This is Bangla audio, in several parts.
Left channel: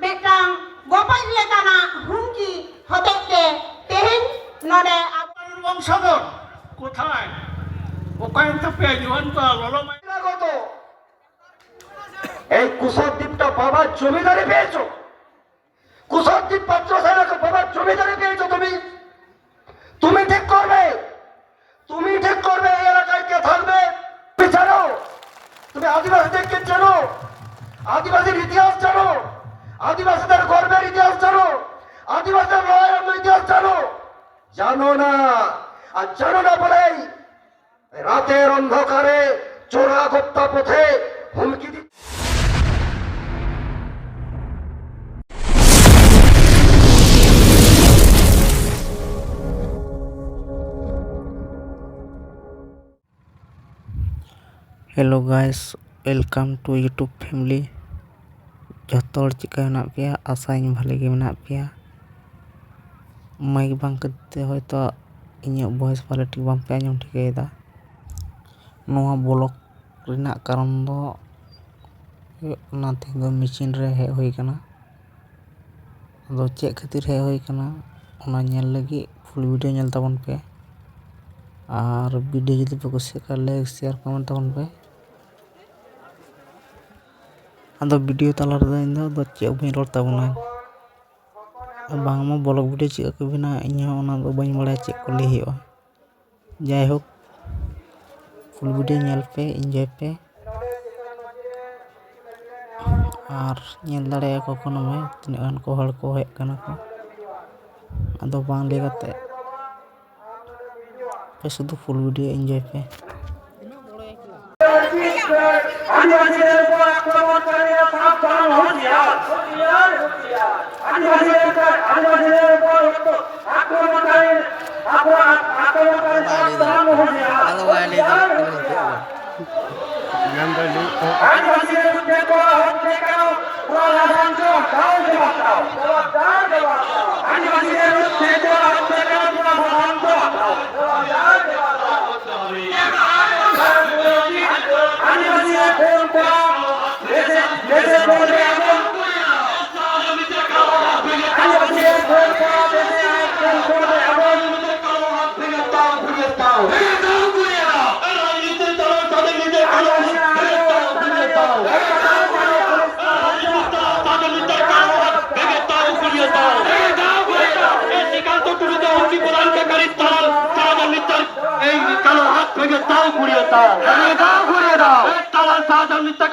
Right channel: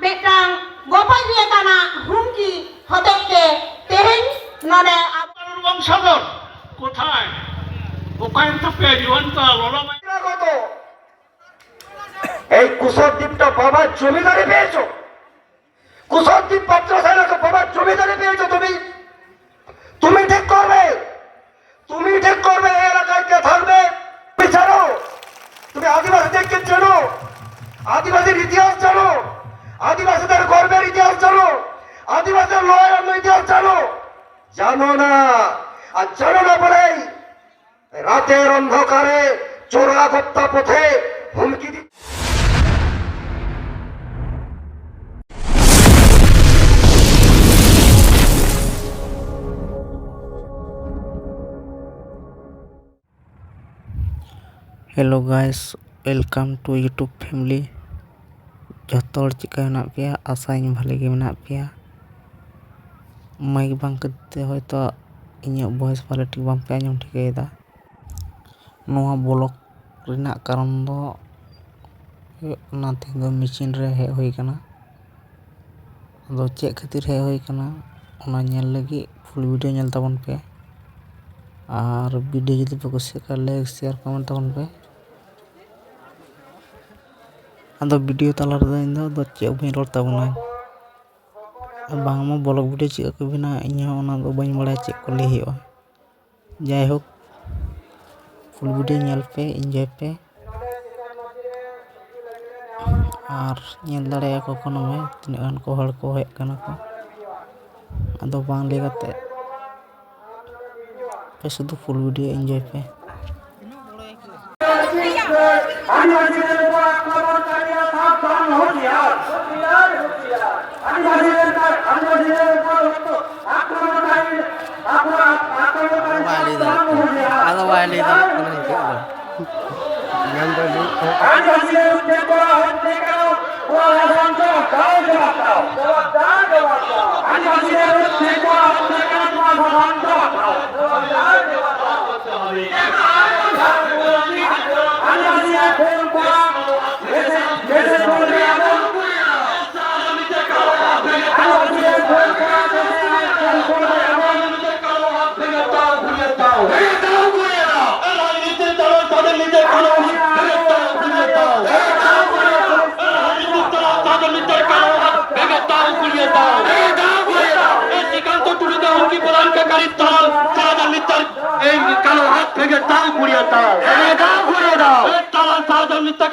बेटांग गोपाल लेकाना हुमकी हतेते तेहेन नडे আপনার বংশধর কোথায়? ওখানে তো পেজুয়ানটা লড়াই কত এই কুশদ্বীপটা বাবার জমিদারি পেয়েছো? কুশদ্বীপ পাত্র সাহেবকে বাবার জমিদারি পেয়েছো তুমি? তুমি ঠিক করবে, তুমি ঠিক করবে এই এলাকায় কে থাকবে। তুমি জানো, তুমি আদিবাসীদেরকে চেনো, আদিবাসীর ইতিহাস জানো, আদিবাসীদের গর্বের ইতিহাস জানো, আদিবাসীদের লড়াইয়ের ইতিহাস জানো? জানো না। আর জানো না বলেই রাতের অন্ধকারে চোরাগোপ্তা পথে হুমকি দি hello guys, welcome to YouTube family. जो चिका मेना पे आशा भाले मेना पे माइक बांग करते तो इन वॉइस क्वालिटी बांग पे आजम ठिकादा। ब्लॉग रेना कारण दो तेज मेशिन रे हेज हुई कना। अदो चे खातिर हेज हुई कना ओना नेल लगी फुल वीडियो नेल ताबन पे और वीडियो जुदी पे कुछ लाइक शेयर कमेंट ताबन पे। अदो वीडियो तला रे इन दो चे बई रोड ताबना बांगमा ब्लॉग वीडियो चे को बिना इन ओना दो बई बड़ा चे को ले हुआ। जाय होक फुल वीडियो नेल पे एंजॉय पे और नेल दाड़े को कोनो में तिना गान को हड़ को हेज कना को। अदो बांग ले गाते पे शुद्ध फुल वीडियो एंजॉय पे।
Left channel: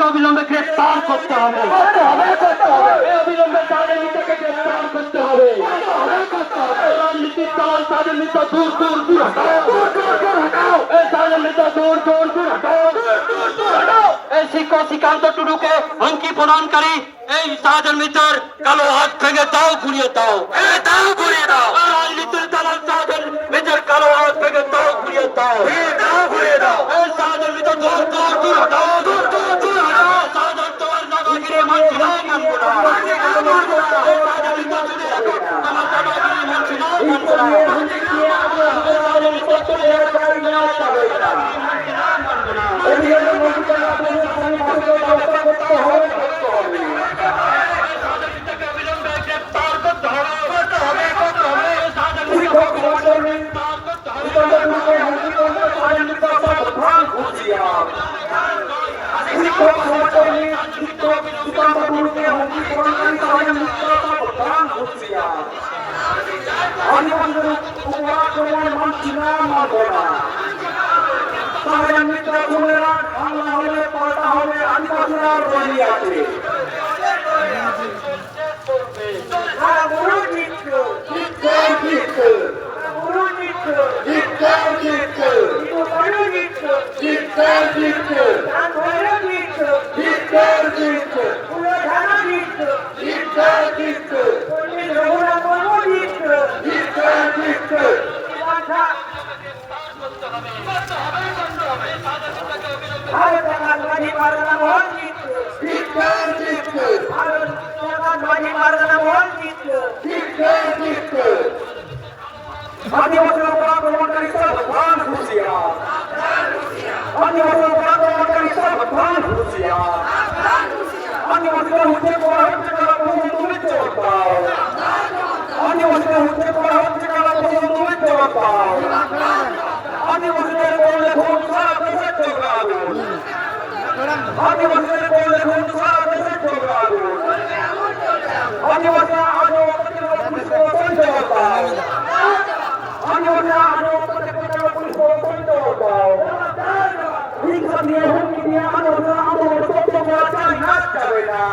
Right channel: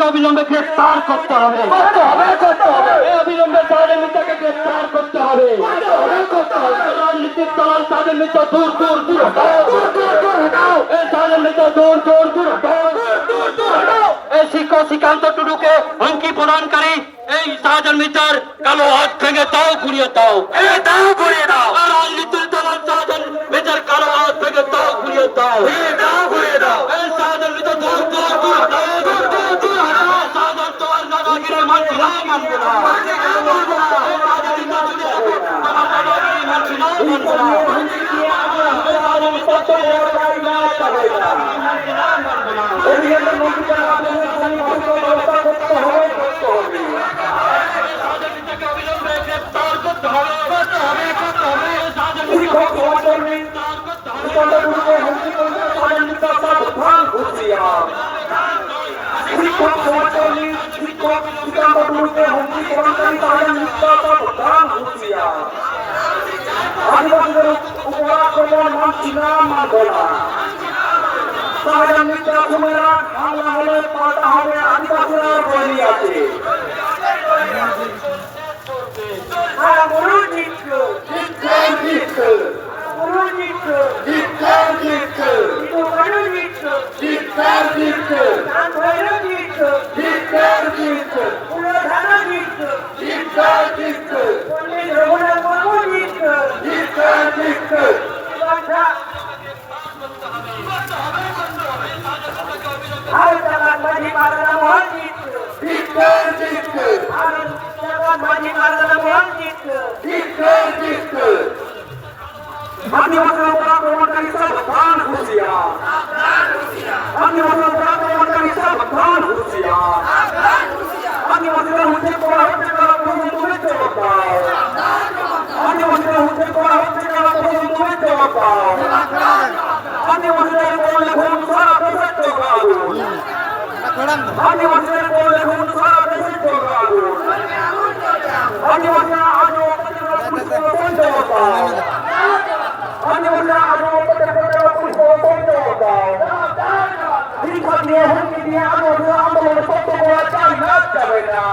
অবিলম্বে গ্রেফতার করতে হবে। অবিলম্বে গ্রেফতার করতে হবে। রাজনীতির দল তাদের নেতা দূর দূর দূর এই শিক্ষক শ্রীকান্ত টুডুকে হুমকি প্রদানকারী এই শাহজাহান মিত্র কালো হাত ভেঙে দাও, ঘুরিয়ে দাও, দাও ঘুরিয়ে দাও। রাজনীতির দল শাহজাহান মিত্র কালো হাত ভেঙে দাও, ঘুরিয়ে দাও, দাও ঘুরিয়ে দাও। এই শাহজাহান মিত্র দূর দূর দূর শাহজাহান তোমার দাদাগিরি মানছি না, মানবো না। আদিবাসীদের উপর আক্রমণ মানছি না, মানব না। শাহজাহান মিত্র খুনেরা হামলা হলে পাল্টা হবে, আদিবাসীরা বলি আছে। আদিবাসীরা তখন তুমি জবাব দাও। আদিবাসীদের উদ্ধার করা হচ্ছে কেন তখন তুমি জবাব দাও। আদিবাসীদের করলে খুন সারা দেশে চলবে আগুন। আদিবাসীদের করলে খুন সারা দেশে চলবে আগুন। আদিবাসীরা আজও পুলিশের জবাব দাও। আদিবাসীরা আজও পুলিশের জবাব দাও। দীর্ঘ দিয়ে হুমকি দিয়ে আদিবাসীরা আন্দোলন সত্য করা চাই না যাবে না।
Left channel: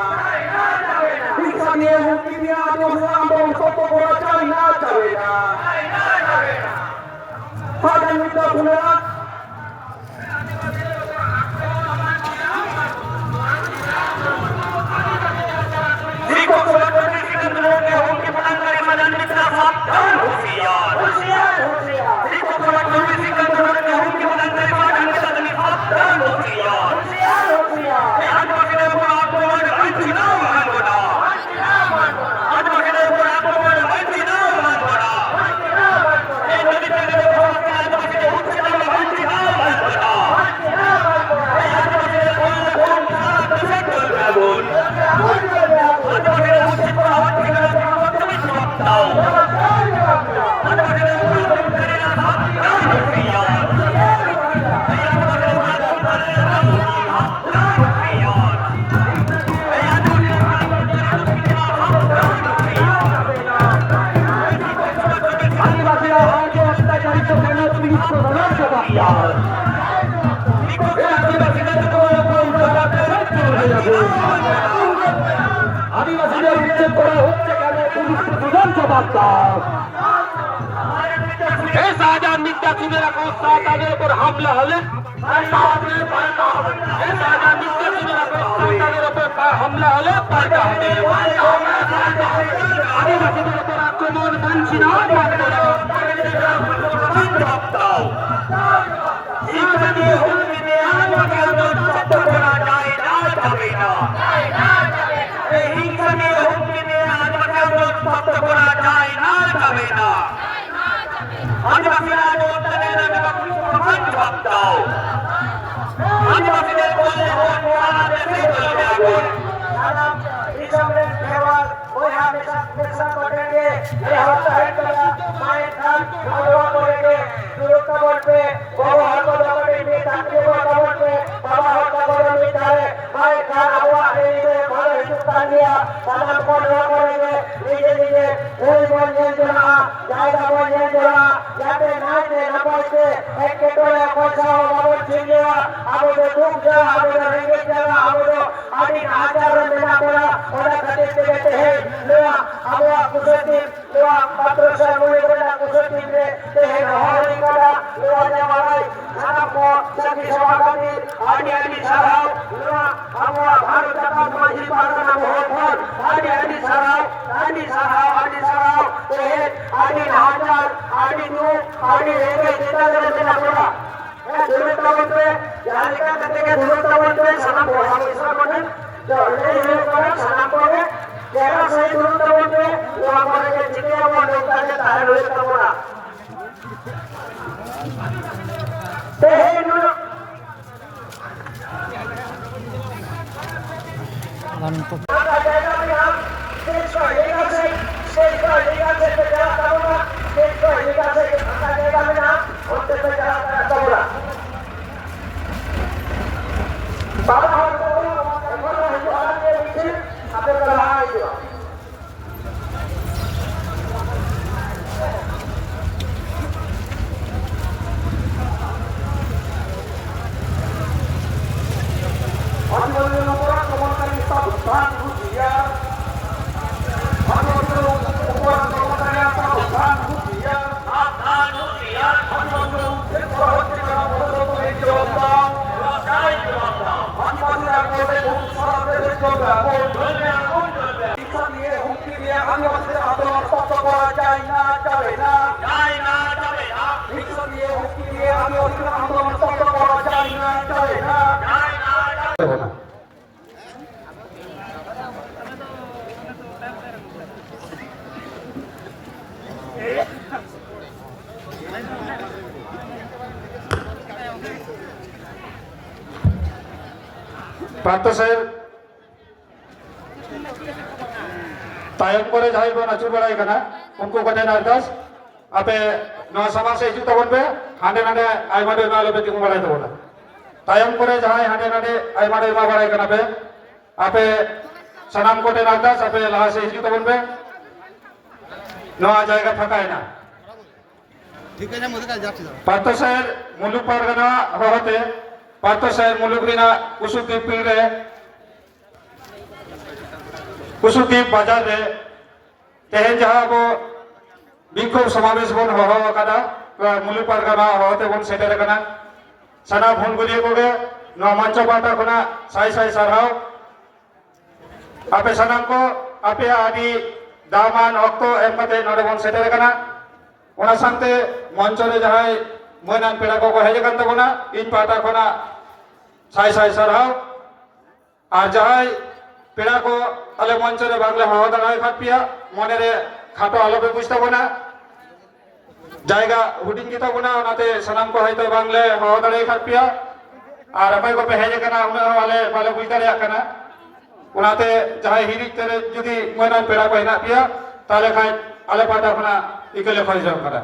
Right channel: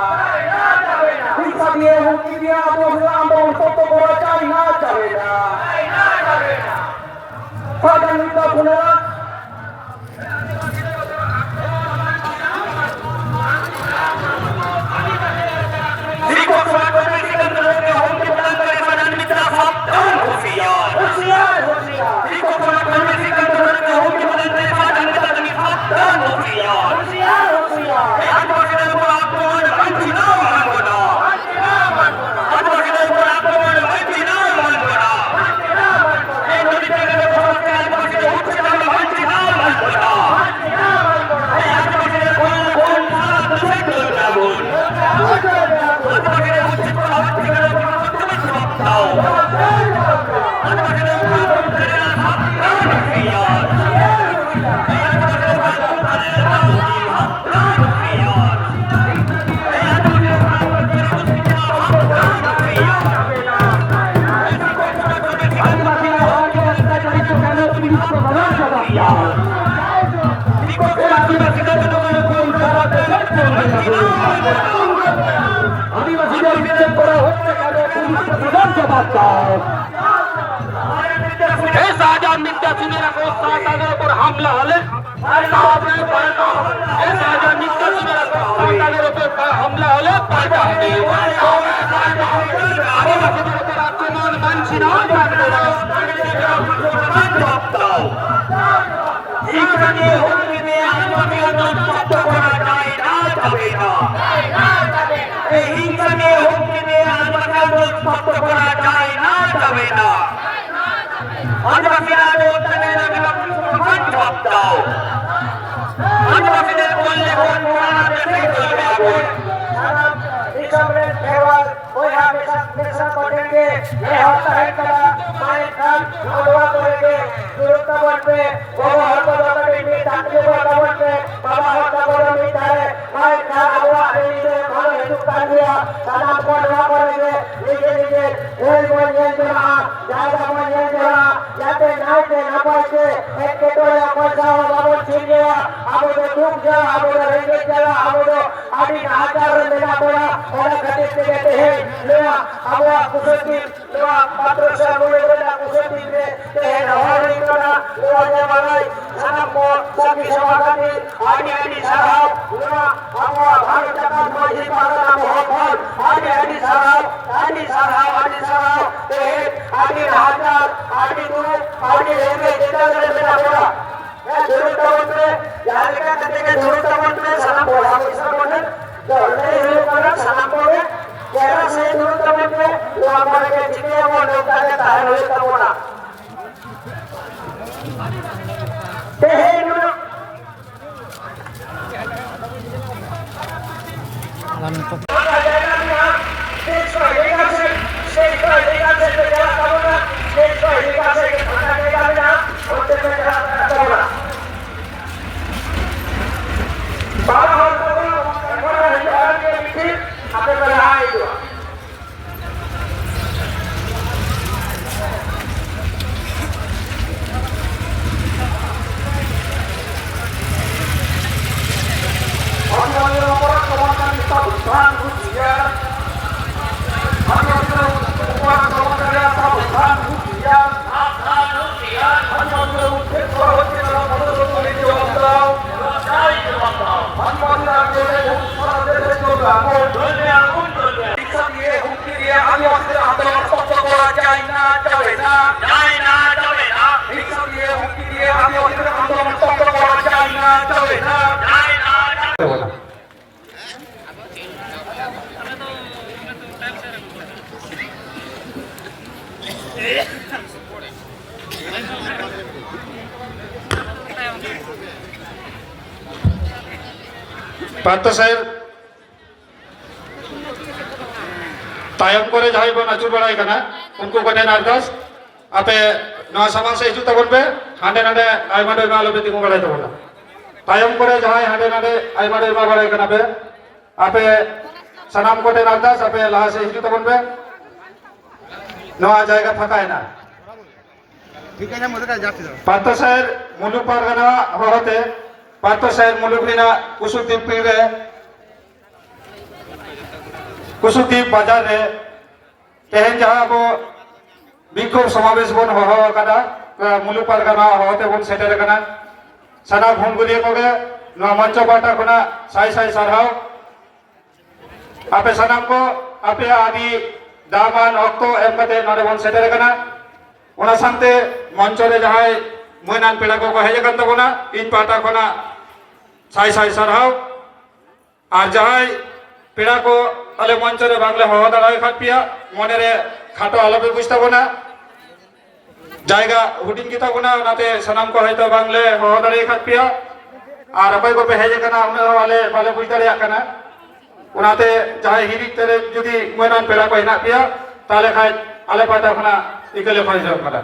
দীর্ঘ দিয়ে হুমকি দিয়ে আদিবাসীরা আন্দোলন সত্য করা চাই না যাবে না। ফাইনাল মিটা শুনে না আদিবাসীদের বিচ্ছেদ করা হচ্ছে কেন পুলিশকে প্রধান জবাব দাও। এই শাহজাহান মিথ্যা শুনে রাখো তাদের উপর হামলা হলে এই শাহজাহান মিথ্যা শুনে রাখো তাদের উপর হামলা হলে পাল্টা হবে। আদিবাসীদের উপর আক্রমণ মানছি না জবাব দাও। হিংসা নিয়ে হুমকি নিয়ে আন্দোলন করা যায় না যাবে না। এই হিংসা নিয়ে হুমকি নিয়ে আন্দোলন করা যায় না যাবে না। আদিবাসীরা জবাব দাও। আদিবাসীদের বললে সুরক্ষা বলবে বড় হত্যা বলবে বাবা হত্যা করে মায়ের খান আবহাওয়া ঘরে হিন্দুস্তান দিয়া সালাম করে নিজে নিজে ওই বই নিয়ে জোড়া জায়গা বই নিয়ে জোড়া যাতে নাইতে না পাইছে একটু করে পয়সা বাবর ছিঁড়ে আমাদের খুব যা আমাদের রেগে যারা আমাদের আদি হাজার মেলা পড়া ওরা খাতির থেকে দেহে লোয়া আবহাওয়া কুশলটি লোয়া পাত্রসার মনে করে না কুশলটি দেহে হওয়ারি করা লোয়া যে বাড়াই সারা পর সার্বি সভাপতি আদি আদি সাহাব লোয়া আবহাওয়া ভারত জাকাত মাঝি পাহাড়া মোহফল আদি সাহাব দেহে আদি হাজার আদি দু আদি রেগে যেটা মেলা পড়া দূরত্ব বলতে জায়গা থেকে দূরত্ব বলতে সালাম বলেন সালাম করে যারা সেই দূরত্ব বলতে আমাদেরকে জিতে এবং লোকটাকে তাহলে হয়ে পাবো না। পার্থ সাহেব तायम करे जहां बन अचुर बड़ाई कना उनको कने नारदास आपे नवा समाज से हिजू तबन पे हांडे नाडे आयमा डोयमा आलो पे तिंगु बड़ाई तबना तायम करे जहां हांडे नाडे आयमा डोयमा बड़ाई कना पे आपे सनाम कोटे नारदास आपे लहा से हिजू तबन पे नवा जायगा फाका है ना पातो शहर मुलुक पारगना होते पातो शहर मुलुक रिना कुसुद्दीप पीर रे कुसुद्दीप बाजार रे तेहन जहां बो विक्षोभ समावेश बन हो कदा मुलुक पारगना होते बन सेटर कना सना भुनगुलिया कोगे नवा मंच पाटा खुना साई साई सरहाव आपे सनाम को आपे आदि दामान अक्तो एम कते नोडे बन सेटर कना ओना सांते मंच रे जहां मोनान पेड़ा को हेज कन तबना इन पाटा खुना साई साई सरहाव और जहां पेड़ा को अले मंच रे बांगले हो दाड़ाय खापिया मने रे खाटो आलो पे बुझता बना जायगा हुडिंग किता बना ओनाते सनाम को हयतो बांगले हो दाड़ाय खापिया और अपाय को पे हेज कना उना वाले वाले बुझ दाड़िया कना ओनाते जहां हिरी तेरे जुदी मोनान पेड़ा को हेना पिया ताले खाय आले पाटा खुना इकले फाई जाव करा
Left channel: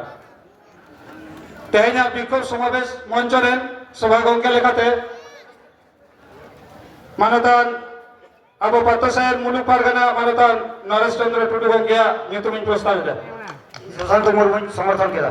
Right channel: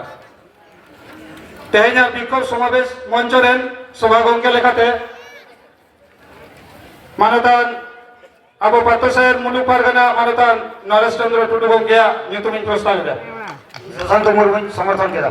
तेहना विक्षोभ समावेश मंच रेन सभा गंगे लेखाते मानतान अब पातो शहर मुलुक पारगना मानतान नरेश चंद्र टुडू गंगे ᱧᱩᱛᱩᱢᱤᱧ प्रस्ताव ᱮᱫᱟ शांत मुर्मू समर्थन केदा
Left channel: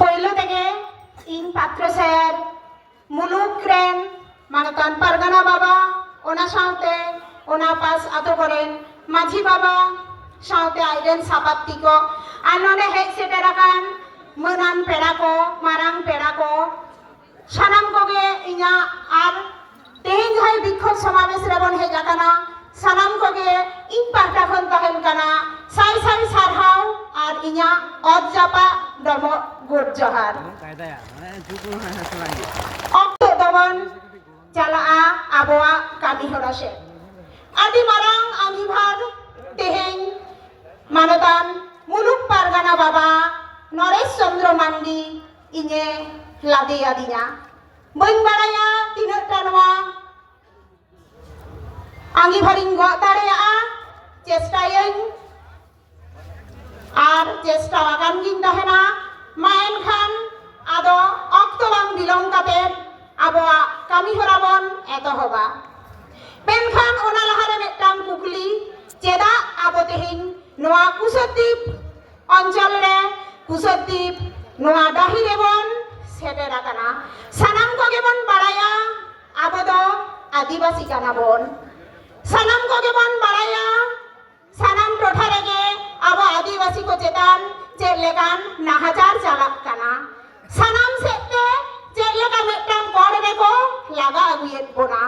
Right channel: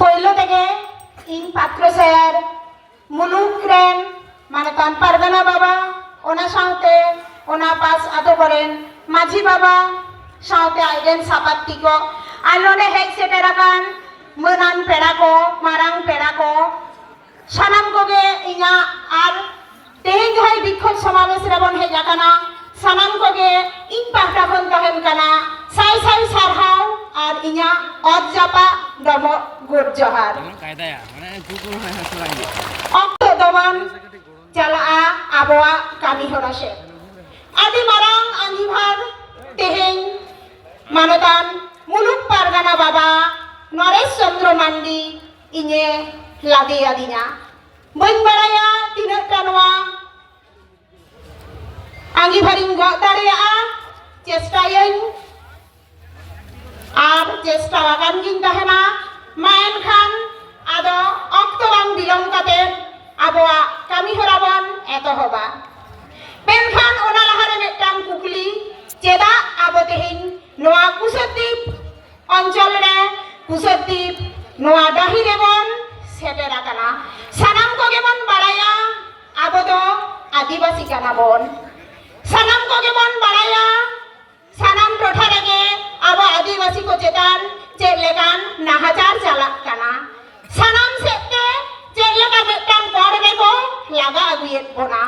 पहले तेगे इन पात्र शहर मुलुक रेन मानतान पारगना बाबा ओना साउते ओना पास आतो करेन माझी बाबा साउते आइडेन सापात्ती को आलोने हेक सेटेराकान मोनान पेड़ा को मारांग पेड़ा को सानाम कोगे इना आर तेज है विक्षोभ समावेश रेबन हे जाकाना सानाम कोगे इन पाटा खन तहेन काना साई साई सारहाव और इना अज जापा दमो गुड जोहार अक्तो दमन चला आबोआ कामी होरासे आदि मारांग आंगिभार तेहेन मानतान मुलुक पारगना बाबा नरेश चंद्र मांडी इने लादे आदिना बन बाराया तिना टानवा आंगिभारिंग ग दाड़िया चेष्टायन और चेष्टा आगान गिन तहेना मायन खान आदो अक्तो बांग बिलम काते आबोआ कामी होराबन एतहबा पेनखान ओना लाहारे मेटांग कुकली चेदा आबो तेहिन नोआ कुसुद्दीप अंचल रे कुसुद्दीप नोआ डाही रेबन सेटेरा काना सानाम को गेबन बाराया आबो दो आदिवासी काना बन सानाम को गेबन बाराया सानाम टोठा रेगे आबो आदिवासी को चेतान चेलेकान नाहाजार चालाक काना सानाम सेते चेलेका मेटांग बड़ रेगो लागा अगुयेत बोना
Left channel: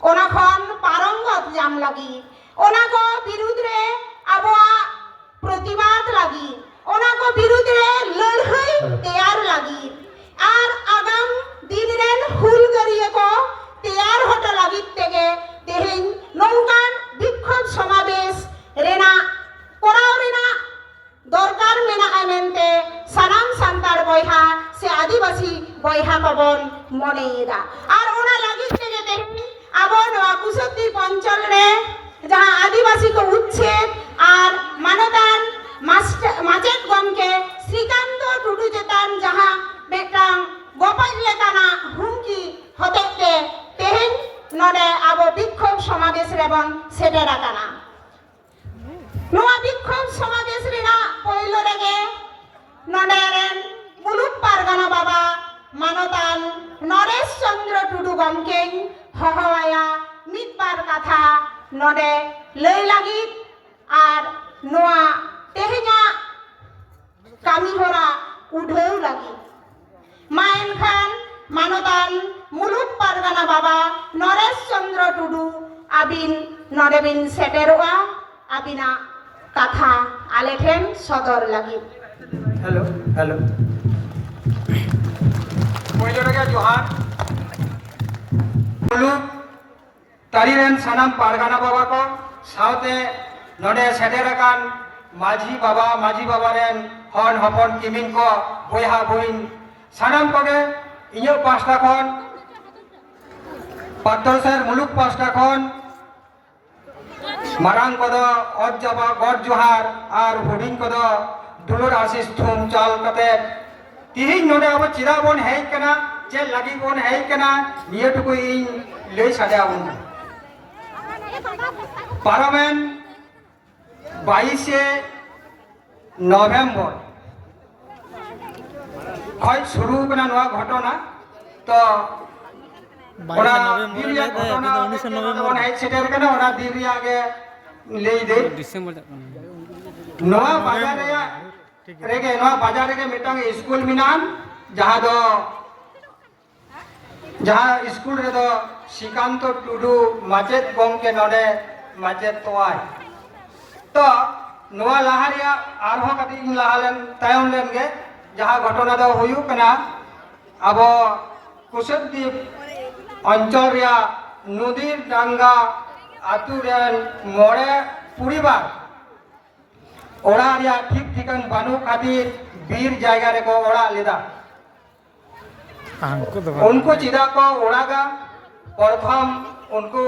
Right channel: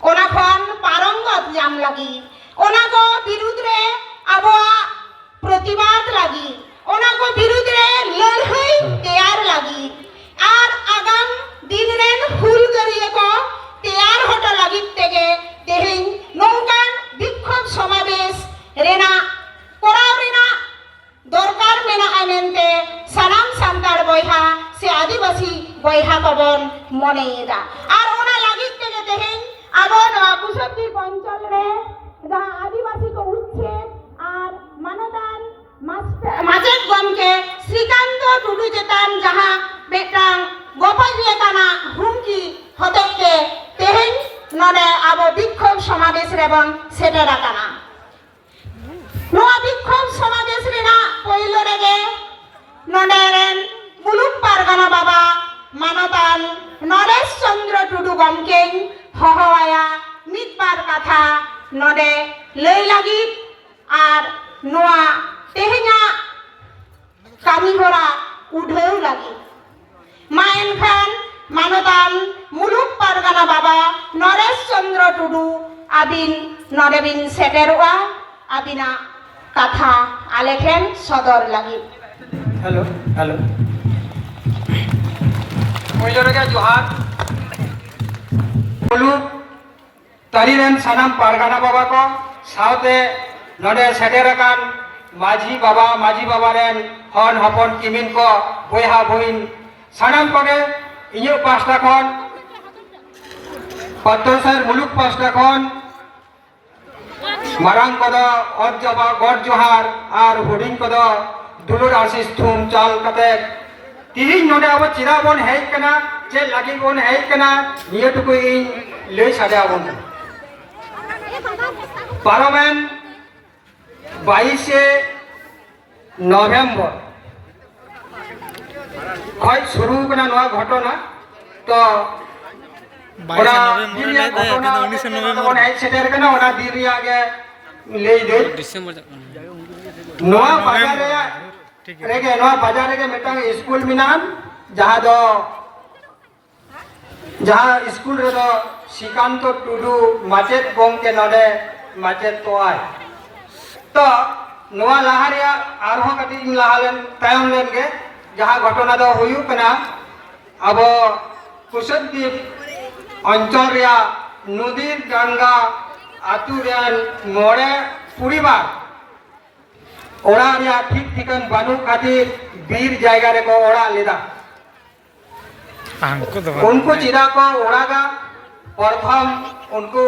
ओना खन पारंगत जाम लगी ओना को विरुद्ध रे आबोआ प्रतिबाद लगी ओना को विरुद्ध रे लड़ाई तैयार लगी और आगाम दिन रेन हुलगारिया को तैयार होता लगी तेगे तेहिन नौकान विक्षोभ समावेश रेना कोराव रेना दरकार मेना आमेनते सानाम सांतार बयहा से आदिवासी बयहा कबन मनेदा और ओना लगी तेगे तेहिन आबो नवा कुसुद्दीप अंचल रे जहां आदिवासी को उच्छेद और मानतान माचेद गमके श्रीकांत टुडू चेतान जहां बेटांग गोपाल लेकाना हुमकी होतेते तेहेन नडे आबो विक्षोभ समावेश रेबन सेटेरा काना नवा विक्षोभ समावेश रेना पयलो रेगे नडे रेन मुलुक पारगना बाबा मानतान नरेश चंद्र टुडू गमके हहवाया मिदबार कथा नडे लई लगी और नोआ तेहेना कामी होरा उठेउ लगी मायन खान मानतान मुलुक पारगना बाबा नरेश चंद्र टुडू आबिन नडेबिन सेटेरवा आबिना कथा आलेखेन सदर लगी हेलो हेलो पहले रेगे जोहार मुलुक तारीरेन सानाम पारगाना बाबा को साउते नोडे सेटेरकान माझी बाबा रेन हन हपन किमिन को बयहा बहिन सानाम कोगे इयो पास्टा खन पात्रोसर मुलुक पास्टा खन मारांग कोदो अद जबा गड जोहार आर हुडिंग कोदो दुलुर आशीष थुम चाल कते तिहिं नोडे अब चिदा बन हेज कना चे लगी बन हेज कना नियो टुकु इन लई साडे आबन पार्लामेंट 22 नवेम्बर खय शुरू कना नवा घटना तो 22 नवेम्बर ले दे 19 नवेम्बर हेज सेटर कना ओना दिन रिया के लई दे डिसेंबर नवा बाजार रे रेगे नवा बाजार रे मिटांग स्कूल मिनान जहाँ स्कूल रे दो श्रीकांत टुडू माचेत गोमके नोडे माचेत तोआय तो नवा लाहा रे आरहो कटी लाहालेन तायम लेन गे जहाँ घटना दो हुयु कना अब कुशद्दीप अंचल रे नदीर गंगा आतु रे मोड़े पुरिबार ओड़ा रे ठीक ठिकान बानु खातिर बीर जायगा रे को ओड़ा लेदा उनको चिदा को ओड़ागा प्रथम उनको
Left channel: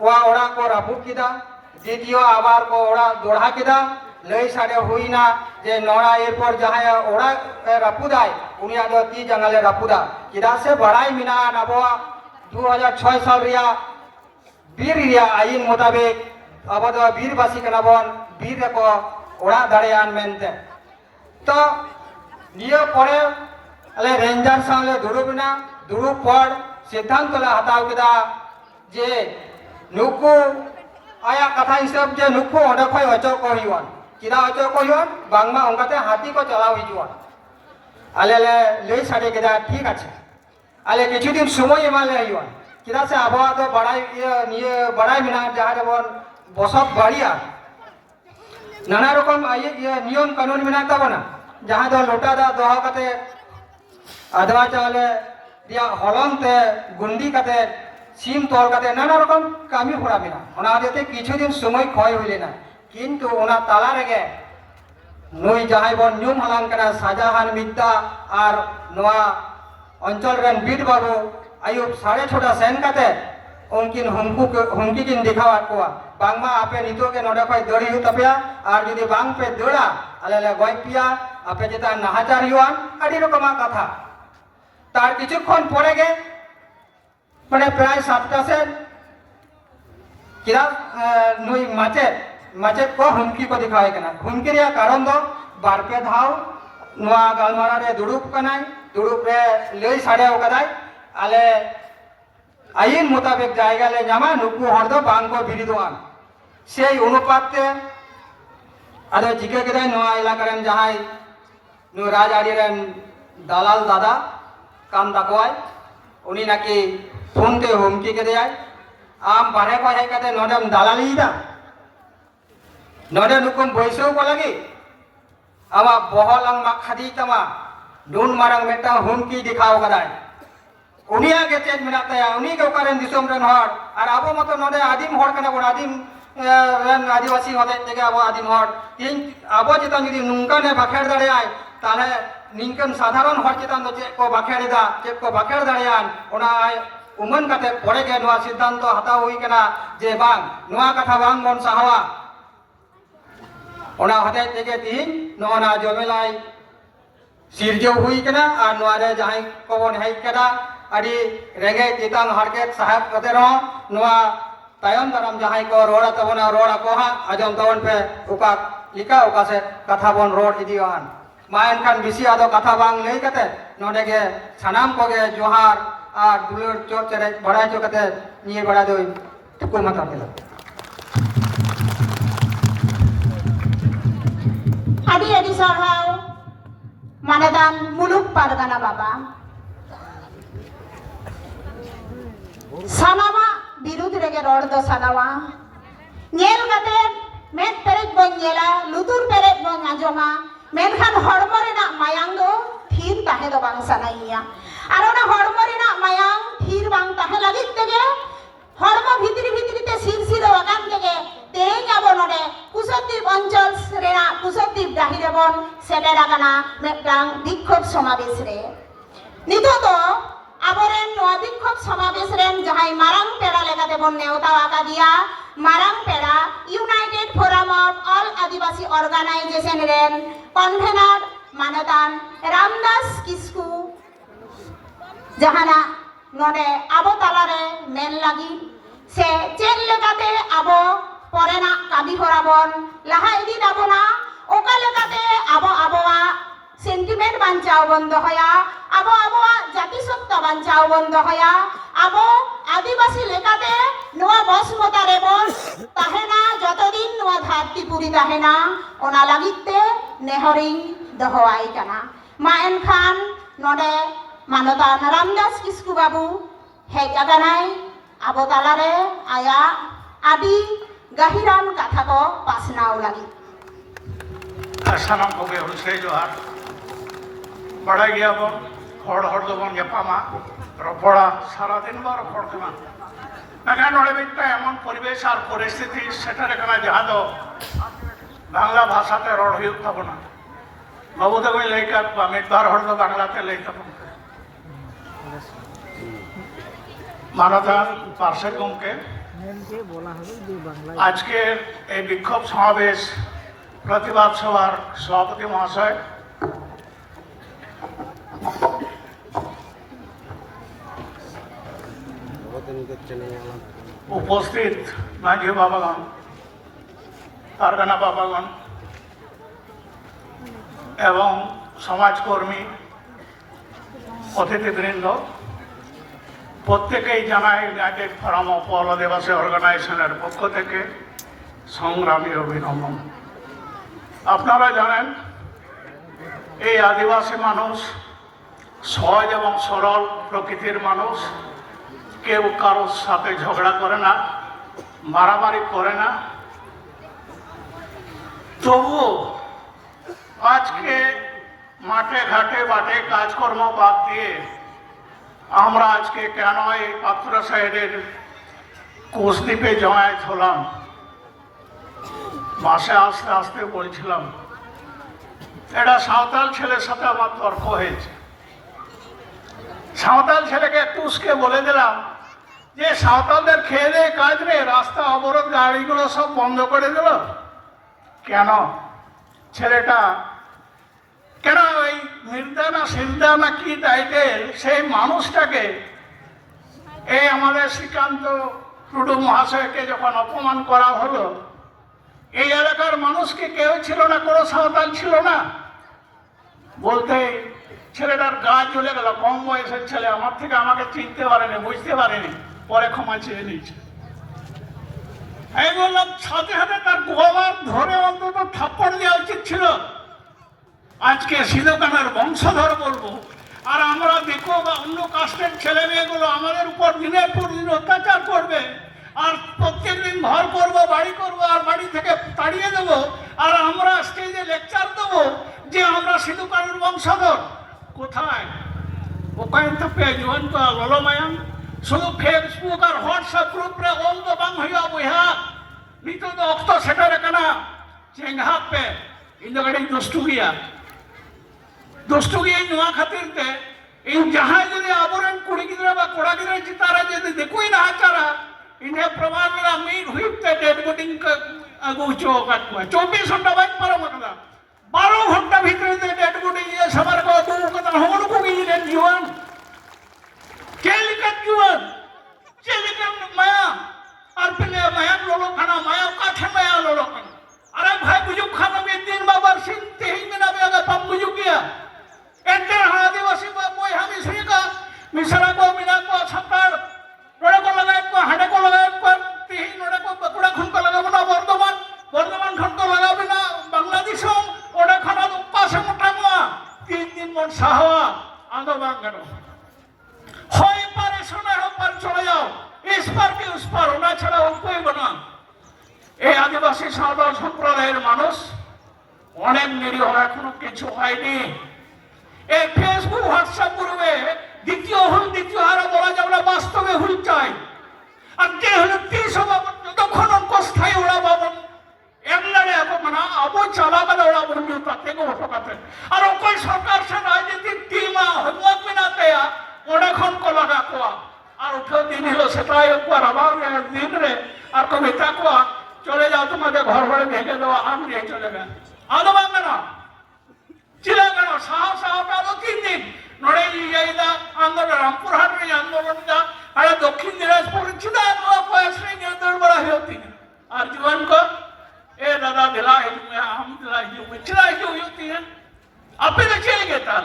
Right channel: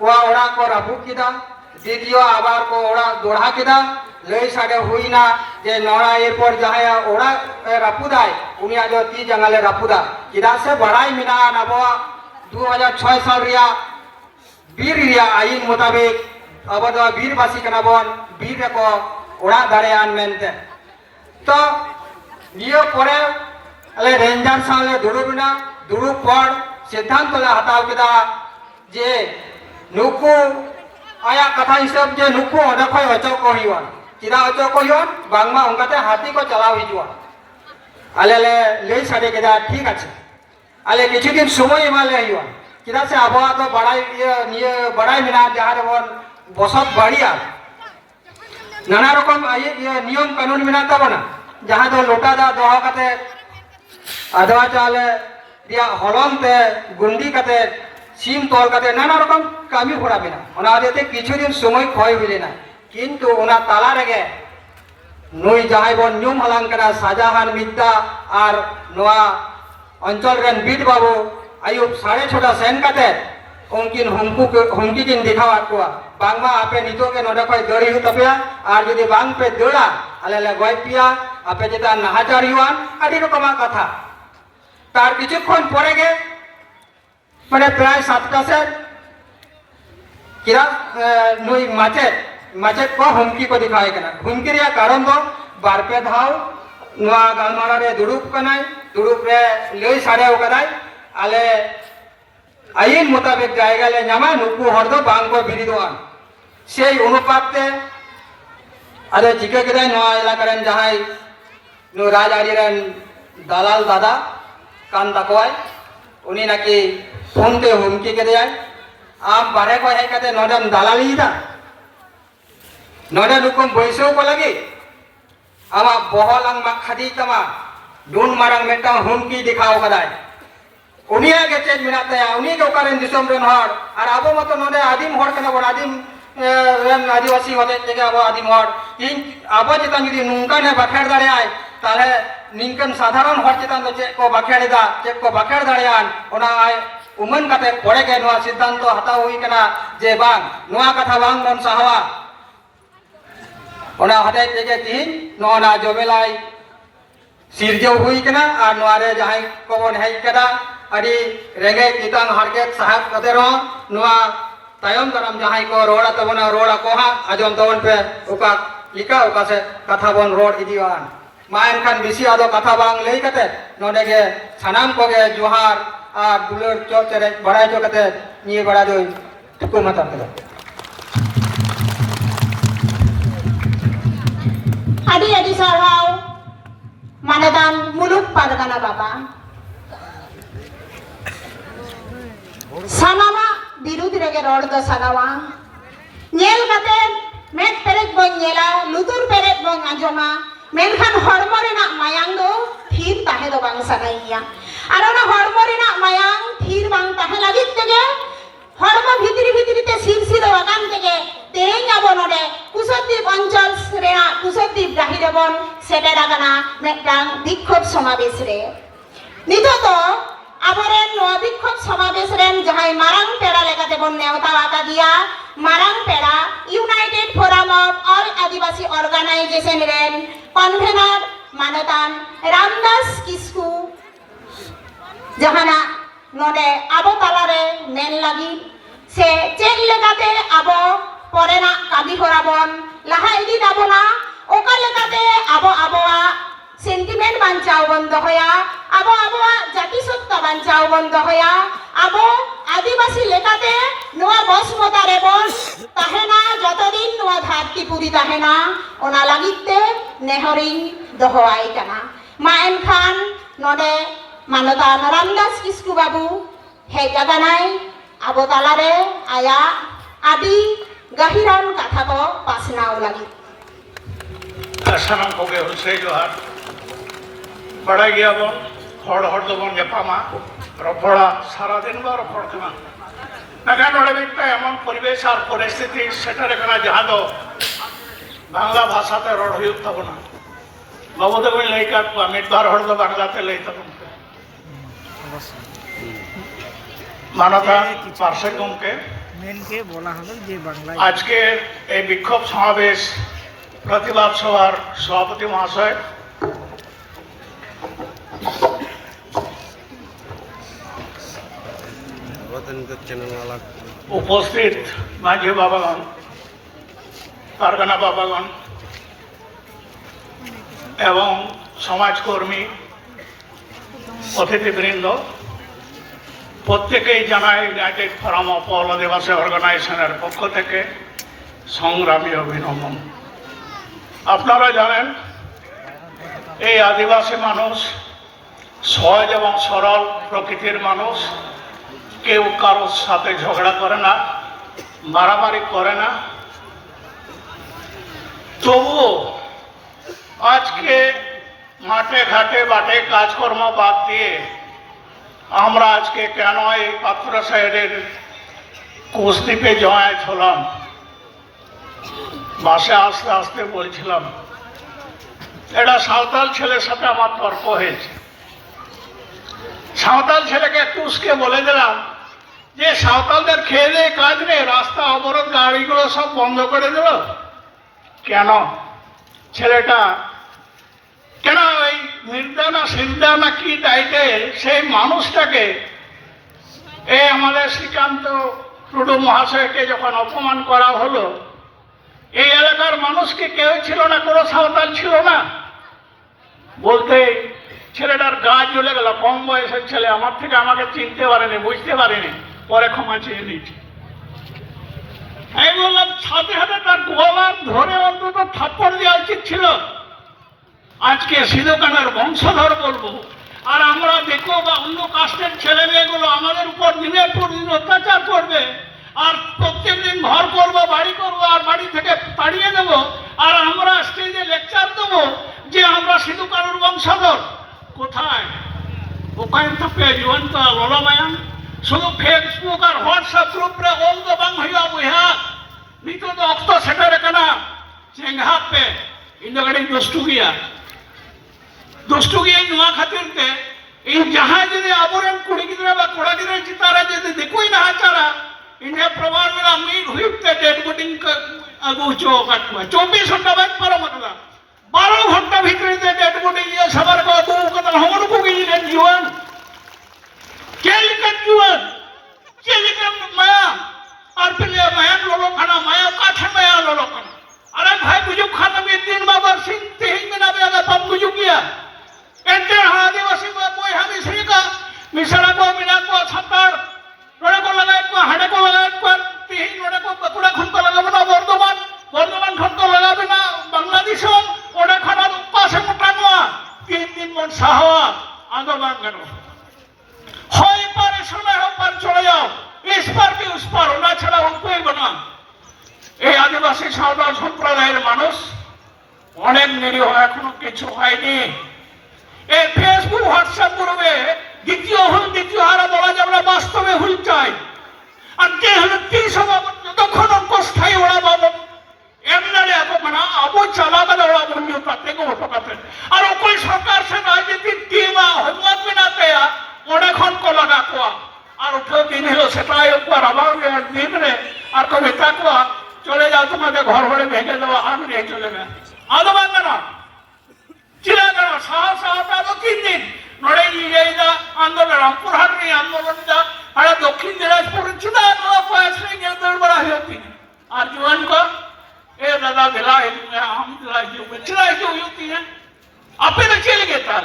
वा ओड़ा को राफुक किदा द्वितीय आबार को ओड़ा दोड़ा किदा लई साडे हुईना जे नोड़ा एरपर जहाया ओड़ा रापुदाय उनी आजो ती जंगाले रापुदा किदा से बड़ाई मिना नबवा 2006 साल रिया बीर रिया आईन मुताबिक अब दो बीरवासी कनाबन बीर को ओड़ा दाड़ेयान मेनते तो नियो परे अले रेंजर साले दुड़ुबिना दुड़ुब पर सिद्धांत ले हताव किदा जे नुकु आया कथा हिसाब जे नुकु ओडे खय अचो को हिवन किदा अचो को हिवन बांगमा उनकाते हाथी को चलाव हिजुआ आले ले ले साडे किदा ठीक আছে आले किछु दिन समय इमाले हिवा किदा से आबवा तो बड़ाई निये बड़ाई मिना जहार वन बसत बाड़िया नाना रकम ये नियम कानून मिना ताबना जहां दो लोटा दा दोहा कते आदवा चाले दिया हलम ते गुंडी कते सीम तोल कते नाना रकम कामी होड़ा बिना ओना देते किछु दिन समय खय हुइलेना किंतु ओना ताला रेगे नुई जहाय बन न्यूम हलांग करा शाहजहान मिद्दा आर नोआ अंचल रेन बीट बाबू आयुब 6:30 सेन कते उनकिन हमकी किन दिखावा कोआ बांगमा आपे नितो के नोडे खय दड़ी हु तपेया आर जदि बांग पे दड़ा आले ले गय पिया आपे जेता नाहाचार हुआन आदि रकमा कथा तार किछुक्षण परे गे माने प्राय 7टा से किरा नुई माचेत को हमकी को दिखाए कना हमकी रे कारण दो बार पे धाव नुआ गालमारा रे दुड़ुप कनाय दुड़ुप रे लई साडे ओकदाय आले आईन मुताबिक जायगा ले नामा नुकु हर दो बांग को बिरिदोआन सेई अनुपाते आदे जिके केदे नोआ इलाका रेन जहाय नु राजआरी रेन दालाल दादा कान दाकोय उनी नाकी फोन ते हुमकी केदे आम बारे को हे कते नोडम दालाली दा नोडे नुकुम बयसो को लगी आमा बहलांग मा खादी तमा डून मारंग मेटांग हुमकी दिखाओ कदाय उनिया के चेज मिनाते उनी के ओकारेन दिसोम रेन हर आर आबो मतो नोडे आदिम हर कना बड़ आदिम रेन आदिवासी होते तेगे आबो आदिम हर इन आबो चितान जदि नुंका ने बाखेड़ दाड़े आय ताले निंकन साधारण हर चितान दो चेक को बाखेड़दा चेक को बाखेड़ दाड़ेयान ओना आय उमन कते पड़े के नोआ सिद्धांत हताव हुई कना जे बांग नोआ कथा बांग बन साहवा ओना हते तेगे तिहिन नोना जमेलाई सिरजो हुई कना आर नोआ रे जहाय को बन हेज कदा अड़ी रेगे चितान हरकेत साहब कते रो नोआ तायम करम जहाय को रोड़ा तबना रोड़ा को हा आजम तवन पे ओका लिका ओका से कथा बन रोड इदियान मायन खान बिसी आदो कथा बांग लई कते नोडे के सनाम को गे जोहार आर दुलर चो चरे बड़ाई चो कते नि बड़ा दो ठुको मत केला आदि आदि साराव मानदान मुलुक पारगाना बाबा सानामा बिरुद रेगे रोड दो सानावा नेल कते मेट पेरेज बन नेला लुतुर पेरेज बन आंजमा मेनखान हड़मो रेना मायांग दो थीर ताहे दो बांग सानाइया आर ओना हड़मो रेना मायांग थीर बांग ताहे लागित तेगे हड़मो भितरी भितरी ते सिरसिर वागान तेगे तेज अब नोडे कुसद्वीप अंचल रेना कुसद्वीप गाहिरे बन सेटेर आकाना मेटांग विक्षोभ समावेश रे नितो तो आबोरेन नोआ विक्षोभ समावेश रेन जहां मारांग पेड़ा लेकाते बन नेवता आका दिया मारांग पेड़ा united forum of all Adivasi organisation रेन कन्वेनर मानतान रामदास किस्कू जहाना नोडे आबो तालारे मेन लगी से चेक लेकाते आबो परेना कामी होराबन लाहा इदी दाबोना ओका लेकाते आबो आबोआ सेंटिमेंट बांचाओ बंद होया आबो आबोआ जातिसत्ता बांचाओ बंद होया आबो आदिवासी लेकाते नोआ बसपता रेबन ताहेना जतदिन नोआ धरती पुरी ताहेना ओना लागिते नेहरिंग दहोआई कना मा एनखान नोडे मानतान रामदास किस्कू बाबू हेज आगानाय आबो तालारे आया आदि गाहिरान कथा को पासनाव लगी सानाम कोगे हुसै जोहार बड़ा गया बन हड़ दबन जापामा रपड़ा सारा दिन बा रपड़ कना नागान नोडे मिट्टा एमन परिवेश और परिस्थिति सेटारे कना जहां दो बांग्ला भाषाते रड़ हुयुग तबना बाबू दो लई काट बा मिट बार हड़ दो बांग्लाते लई तबन मानवता पार्षद गमके मेन के बोला हलो जे बांग्ला आज के এই বিক্ষোভ সমাবেশ প্রতিবাদ সভার সভাপতি মহাশয় উপস্থিত মাঝি বাবাগণ পারগানা বাবাগণ এবং সমাজকর্মী অতিথিবৃন্দ প্রত্যেকেই জানায় ইউনাইটেড ফোরাম অফ অল আদিবাসী অর্গানাইজেশনের পক্ষ থেকে সংগ্রামী অভিনন্দন। আপনারা জানেন এই আদিবাসী মানুষ সহজ এবং সরল প্রকৃতির মানুষ, কেউ কারোর সাথে ঝগড়া করে না, মারামারি করে না। তবুও আজকে মাঠে ঘাটে বাটে কাজকর্ম বাদ দিয়ে আমরা আজকে কেন এই পাত্রা সাইডের কুসদ্বীপে জমায়েত হলাম, বাসে আস্তে আস্তে বলছিলাম এটা সাঁওতাল ছেলের সাথে আমার তর্ক হয়েছে। সাঁওতাল ছেলেকে টুসকে বলে দিলাম যে সাঁওতালদের খেয়ে দিয়ে কাজ নেই, রাস্তা অবরোধ গাড়িগুলো সব বন্ধ করে দিল কেন? ছেলেটা কেন এই নির্দানা সিদ্ধানা কি টাইটেল সেই মানুষটাকে এই আমাদের শ্রীকান্ত টুডু মহাশয়কে যখন অপমান করা হলো, এই এলাকার মানুষকে কেউ ছিল না, কোনো সাঁওতাল ছিল না, বলতে ছেলেটার গা জ্বলে গেল। কম বয়সের ছেলে, আমার থেকে আমাকে চিনতে পারেনি, বুঝতে পারেনি, পরে ক্ষমা চেয়ে নিয়েছে। আমি বললাম সাথে সাথে তার গলা ধরে অন্তত থাপ্পড় দেওয়া উচিত ছিল। আজকে সিধুকানার বংশধর বলবো, আর আমরা দেখো বা অন্য কাস্টের ছেলে মেয়েগুলো আমাদের উপর দিনের পর দিন অত্যাচার করবে, আর প্রত্যেকদিন ঘর করবো, বাড়ি করবো, আর বাড়ি থেকে তাড়িয়ে দেবো, আর আমরা স্টেজে লেকচার দেবো যে আমরা সিধুকানুর বংশধর। কোথায়? ওখানে থাকে জীবন্ত ললমায়াম শুধু ফেসবুক আর হোয়াটসঅ্যাপ গ্রুপে অল দো বাং হইয়া বইয়া নিতো তো অক্ত সেটারে কানা চেঙ্গা পে ইন্দগাড়ি দুষ্টু গিয়া नुआ खातिर ते इन जहां जदि आबोरेन कुड़ी गिदरा बा कोड़ा गिदरा चितारा जदि देखोई ना चारा इन्हें प्रमाण में मीट हुई ते डेड बॉडी का अगु चो काटवा 24 घंटा बाद पारो मतला 12 घंटा भीतर ते डेड बॉडी ये सबर को अगु कतल हमन को गी ने जीवन केल का जीवन केल का माया और पहले माया लोलो खाना माया काठे माया लोलो खाना। अरे भाई गुजुक खाना में दिन बाबा सिंह ते ही में ना बेगा पप गुजुक किया एंटे आदिवासी को मोय हम इसरी का मिसरा को मिना को छत्तर रोड़े को लगाए को हाड़े को लगाए को तीन रोड़े को बकुड़ा खुन को लगा बना वर्धमान खुन को लगा बिना बांग्लादेश ओडे खाना उपा से मुटानुआ 3 दिन मन साहवा आंदोलन करो होय पारे सुने हो पर चले जाओ इस पर की उस पर होना छड़ा उनको ही बना। এই আদিবাসী সাঁওতাল সম্প্রদায়ের মানুষ অনেক নিরীহ, এখনো কিছু হয়নি। এই ফেসবুক হোয়াটসঅ্যাপ গ্রুপে দ্বিতীয় হারা বলা যাবে না, বাস্তবে হুল চাই। আর যে হলো 30 যতক্ষণ অস্থায়ী ওরা বাবন এমনি এখন মানে আবো চালাবে ওরা বন্ধু তাতে গো কাতে আর ওই সরকার সে রাজনীতির টিম হইমত বিনাতে ওরা খন কলা ডাকুয়া আর উঠে দিন হলো সেটাই উপর আবার দিন রে আর কবি তাকুয়া চলে যাও তোমাদের ঘর ঘরে ভেঙে দেওয়া আর নিয়ে চলে গেল আলো বাংলা না চিরাগড় সাহস আলো 3 দিন নড়ে ইয়েদা আন্দোলন রামপুরহাট রে আন্দোলন দা আর দক্ষিণ দিনাজপুর চিনা তো পয়সা নিয়ে দৌড় বড়া হইতি আর জীবন को ए दादा दिला हम दिला जो चिरा जो होती है आपे न चले गए ताल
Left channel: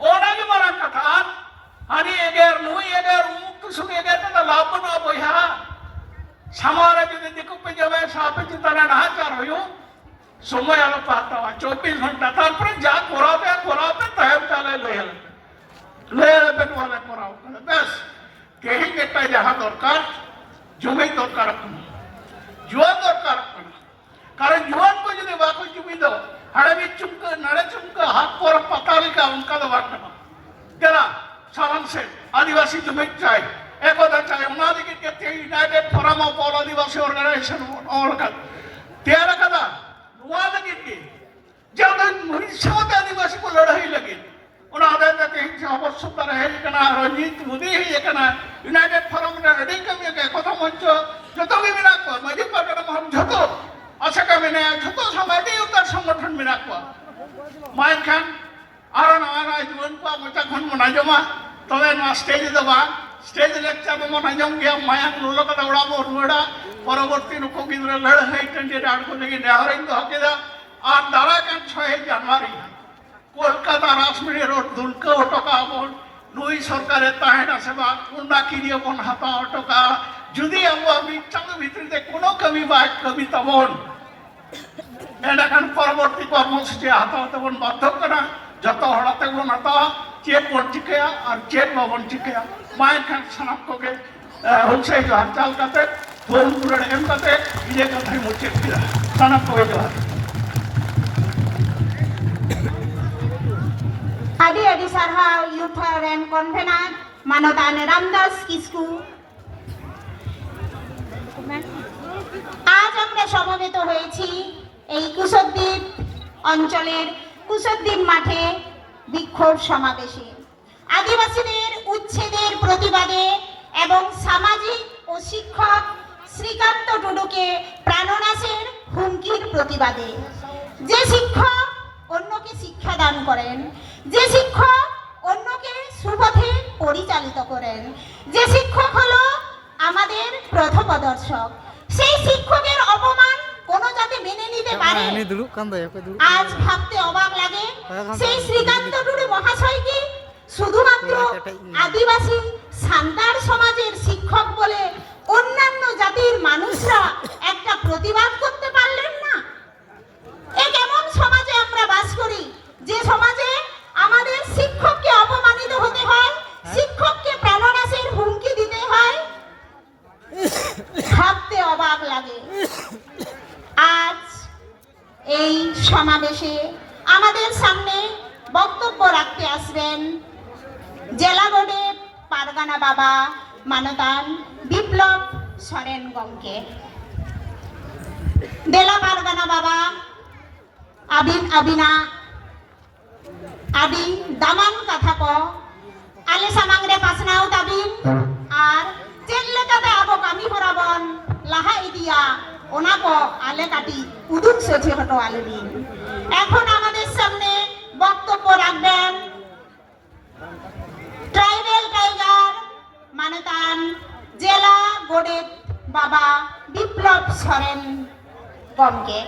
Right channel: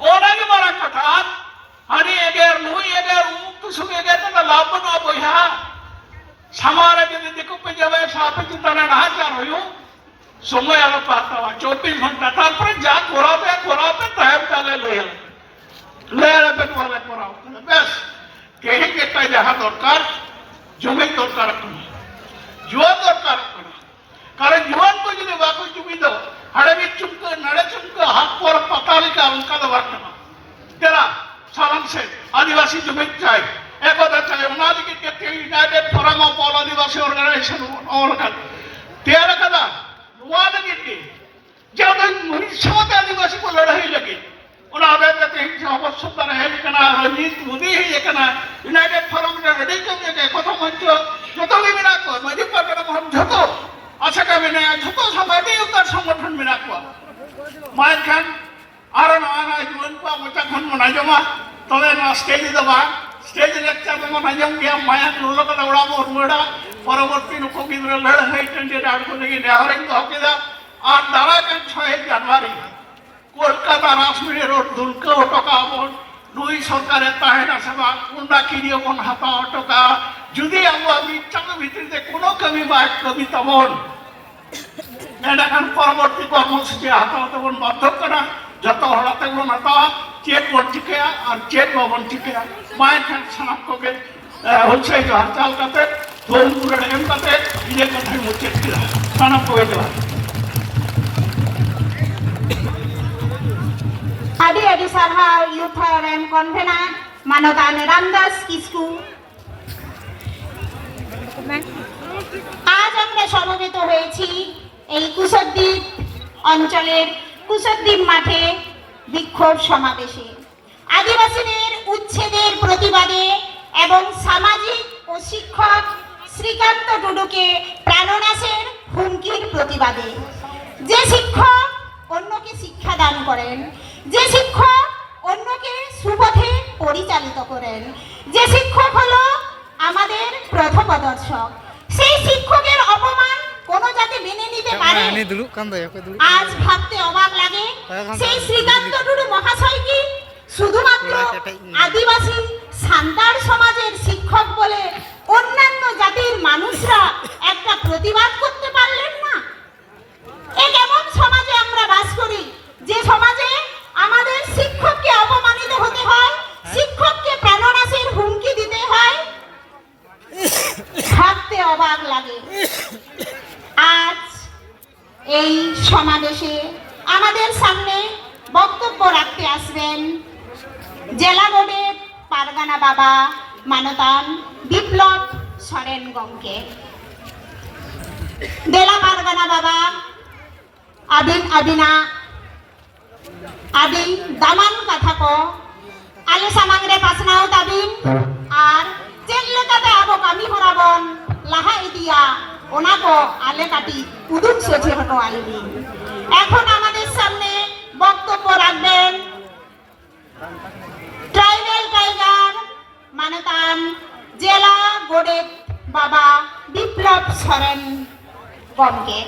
और आगे मारा कथा हानि अगर नुई अगर मुक्त सुबह अगर ना लाभ ना बोया समारे दिन देखो पे जब सापे चितना ना चार हो समय आलो पाता 24 घंटा तार पर जा कोरा पे तहर ताले ले पे वाला कोराओ बस कहीं के ता जहां दरकार जमी दरकार जुआन दरकार कारण जुआन को जो बाको जुमी दो हड़े भी चुमक नड़े चुमक हाथ पर पताली का उनका तो बात ना तेरा सावन से आदिवासी जुमी चाहिए एक और चाहिए उन्होंने की कहते हैं united forum of all Adivasi organisation और का तेरा कदा नुआने की जब उड़ीसा में आदिवासी को लड़ाई लगी उन्होंने कहते हैं कि अवश्यता रहे करना रणनीति मोदी ही करना यूनाइटेड फोरम ने रेडी कर के कथा मंच जो तो भी मिला को मजी पर हम झको अच्छा का मैंने झको समय भी उतर संगठन मिला को माइन खान आरण आना जीवन को मचा खन मना जमा तबे ना स्टेज दबा स्टेज लेक्चर में मना जम गया माया लोलो का दौड़ा मोर मोड़ा परवर्ती नुको की लड़ है टेंडर आड़ को लेके नेहरिंग होकेदा और दारा का 6 जनवरी কলকাতা রাজমিরি রোড দুলকে অটোকা বন নুই সরকারের তাহেনা সেবা কুন্ডা কিনিয়ে বন হাতা অটোকা যদি আমরা বিচ্ছাঙ্গ ভিত্তিতে কোনো কবি বা কবিতা বন এটাখান পরবর্তী কর্মসূচি হাতা হতে বন বাধ্য করা যত হড়াতে বন হাতা চেক বন চিকেয়া আর চেক বন চিকেয়া মায়ের খান সানাম কোকে হচ্ছে হারচাল কাতে ধোম পুরে ডেন কাতে ইয়ে কথায় মুচে ফিরা সানাম কোকে দেওয়া আদি আদি সারহাও ইউথ রেন কনভেনার মানতান রামদাস কিসকু আজ আমরা সমবেত হয়েছি এই কুশদ্বীপ অঞ্চলের কুশদ্বীপ মাঠে বিক্ষোভ সমাবেশে আদিবাসীদের উচ্ছেদের প্রতিবাদে এবং সামাজিক ও শিক্ষক শ্রীকান্ত টুডুকে প্রাণনাশের হুমকির প্রতিবাদে যে শিক্ষক অন্যকে শিক্ষা দান করেন যে শিক্ষক অন্যকে সুপথে পরিচালিত করেন যে শিক্ষক হলো আমাদের প্রথমদর্শক সেই শিক্ষকের অপমান কোন জাতি মেনে নিতে পারে আজ ভাবতে অবাক লাগে সেই শ্রীকান্ত টুডু মহাশয় কি শুধুমাত্র আদিবাসী সান্তাল সমাজের শিক্ষক বলে অন্যান্য জাতির মানুষরা একটা প্রতিবাদ করতে পারলেন না এ কেমন সমাজে আমরা বাস করি যে সমাজে আমাদের শিক্ষককে অপমানিত হতে হয় শিক্ষককে প্রাণনাশের হুমকি দিতে হয় ভাবতে অবাক লাগে আজ এই সমাবেশে আমাদের সামনে বক্তব্য রাখতে আসবেন জেলা বোর্ডের পারগানা বাবা মানতান বিপ্লব সরেন গমকে জেলা পারগানা বাবা আদিনা আদি দামান কথা ko ale samang re pasnau tabin আর চেক লেখাতে আবো কামি হরাবন লাহা ইদিয়া ওনা ko ale কাটি উদুক সেছে হটো আইবি এখন আমাদের সামনে বক্তব্য রাখবেন ট্রাইবেল টাইগার মানতান জেলা গোডেট বাবা বিপ্লব সরেন গমকে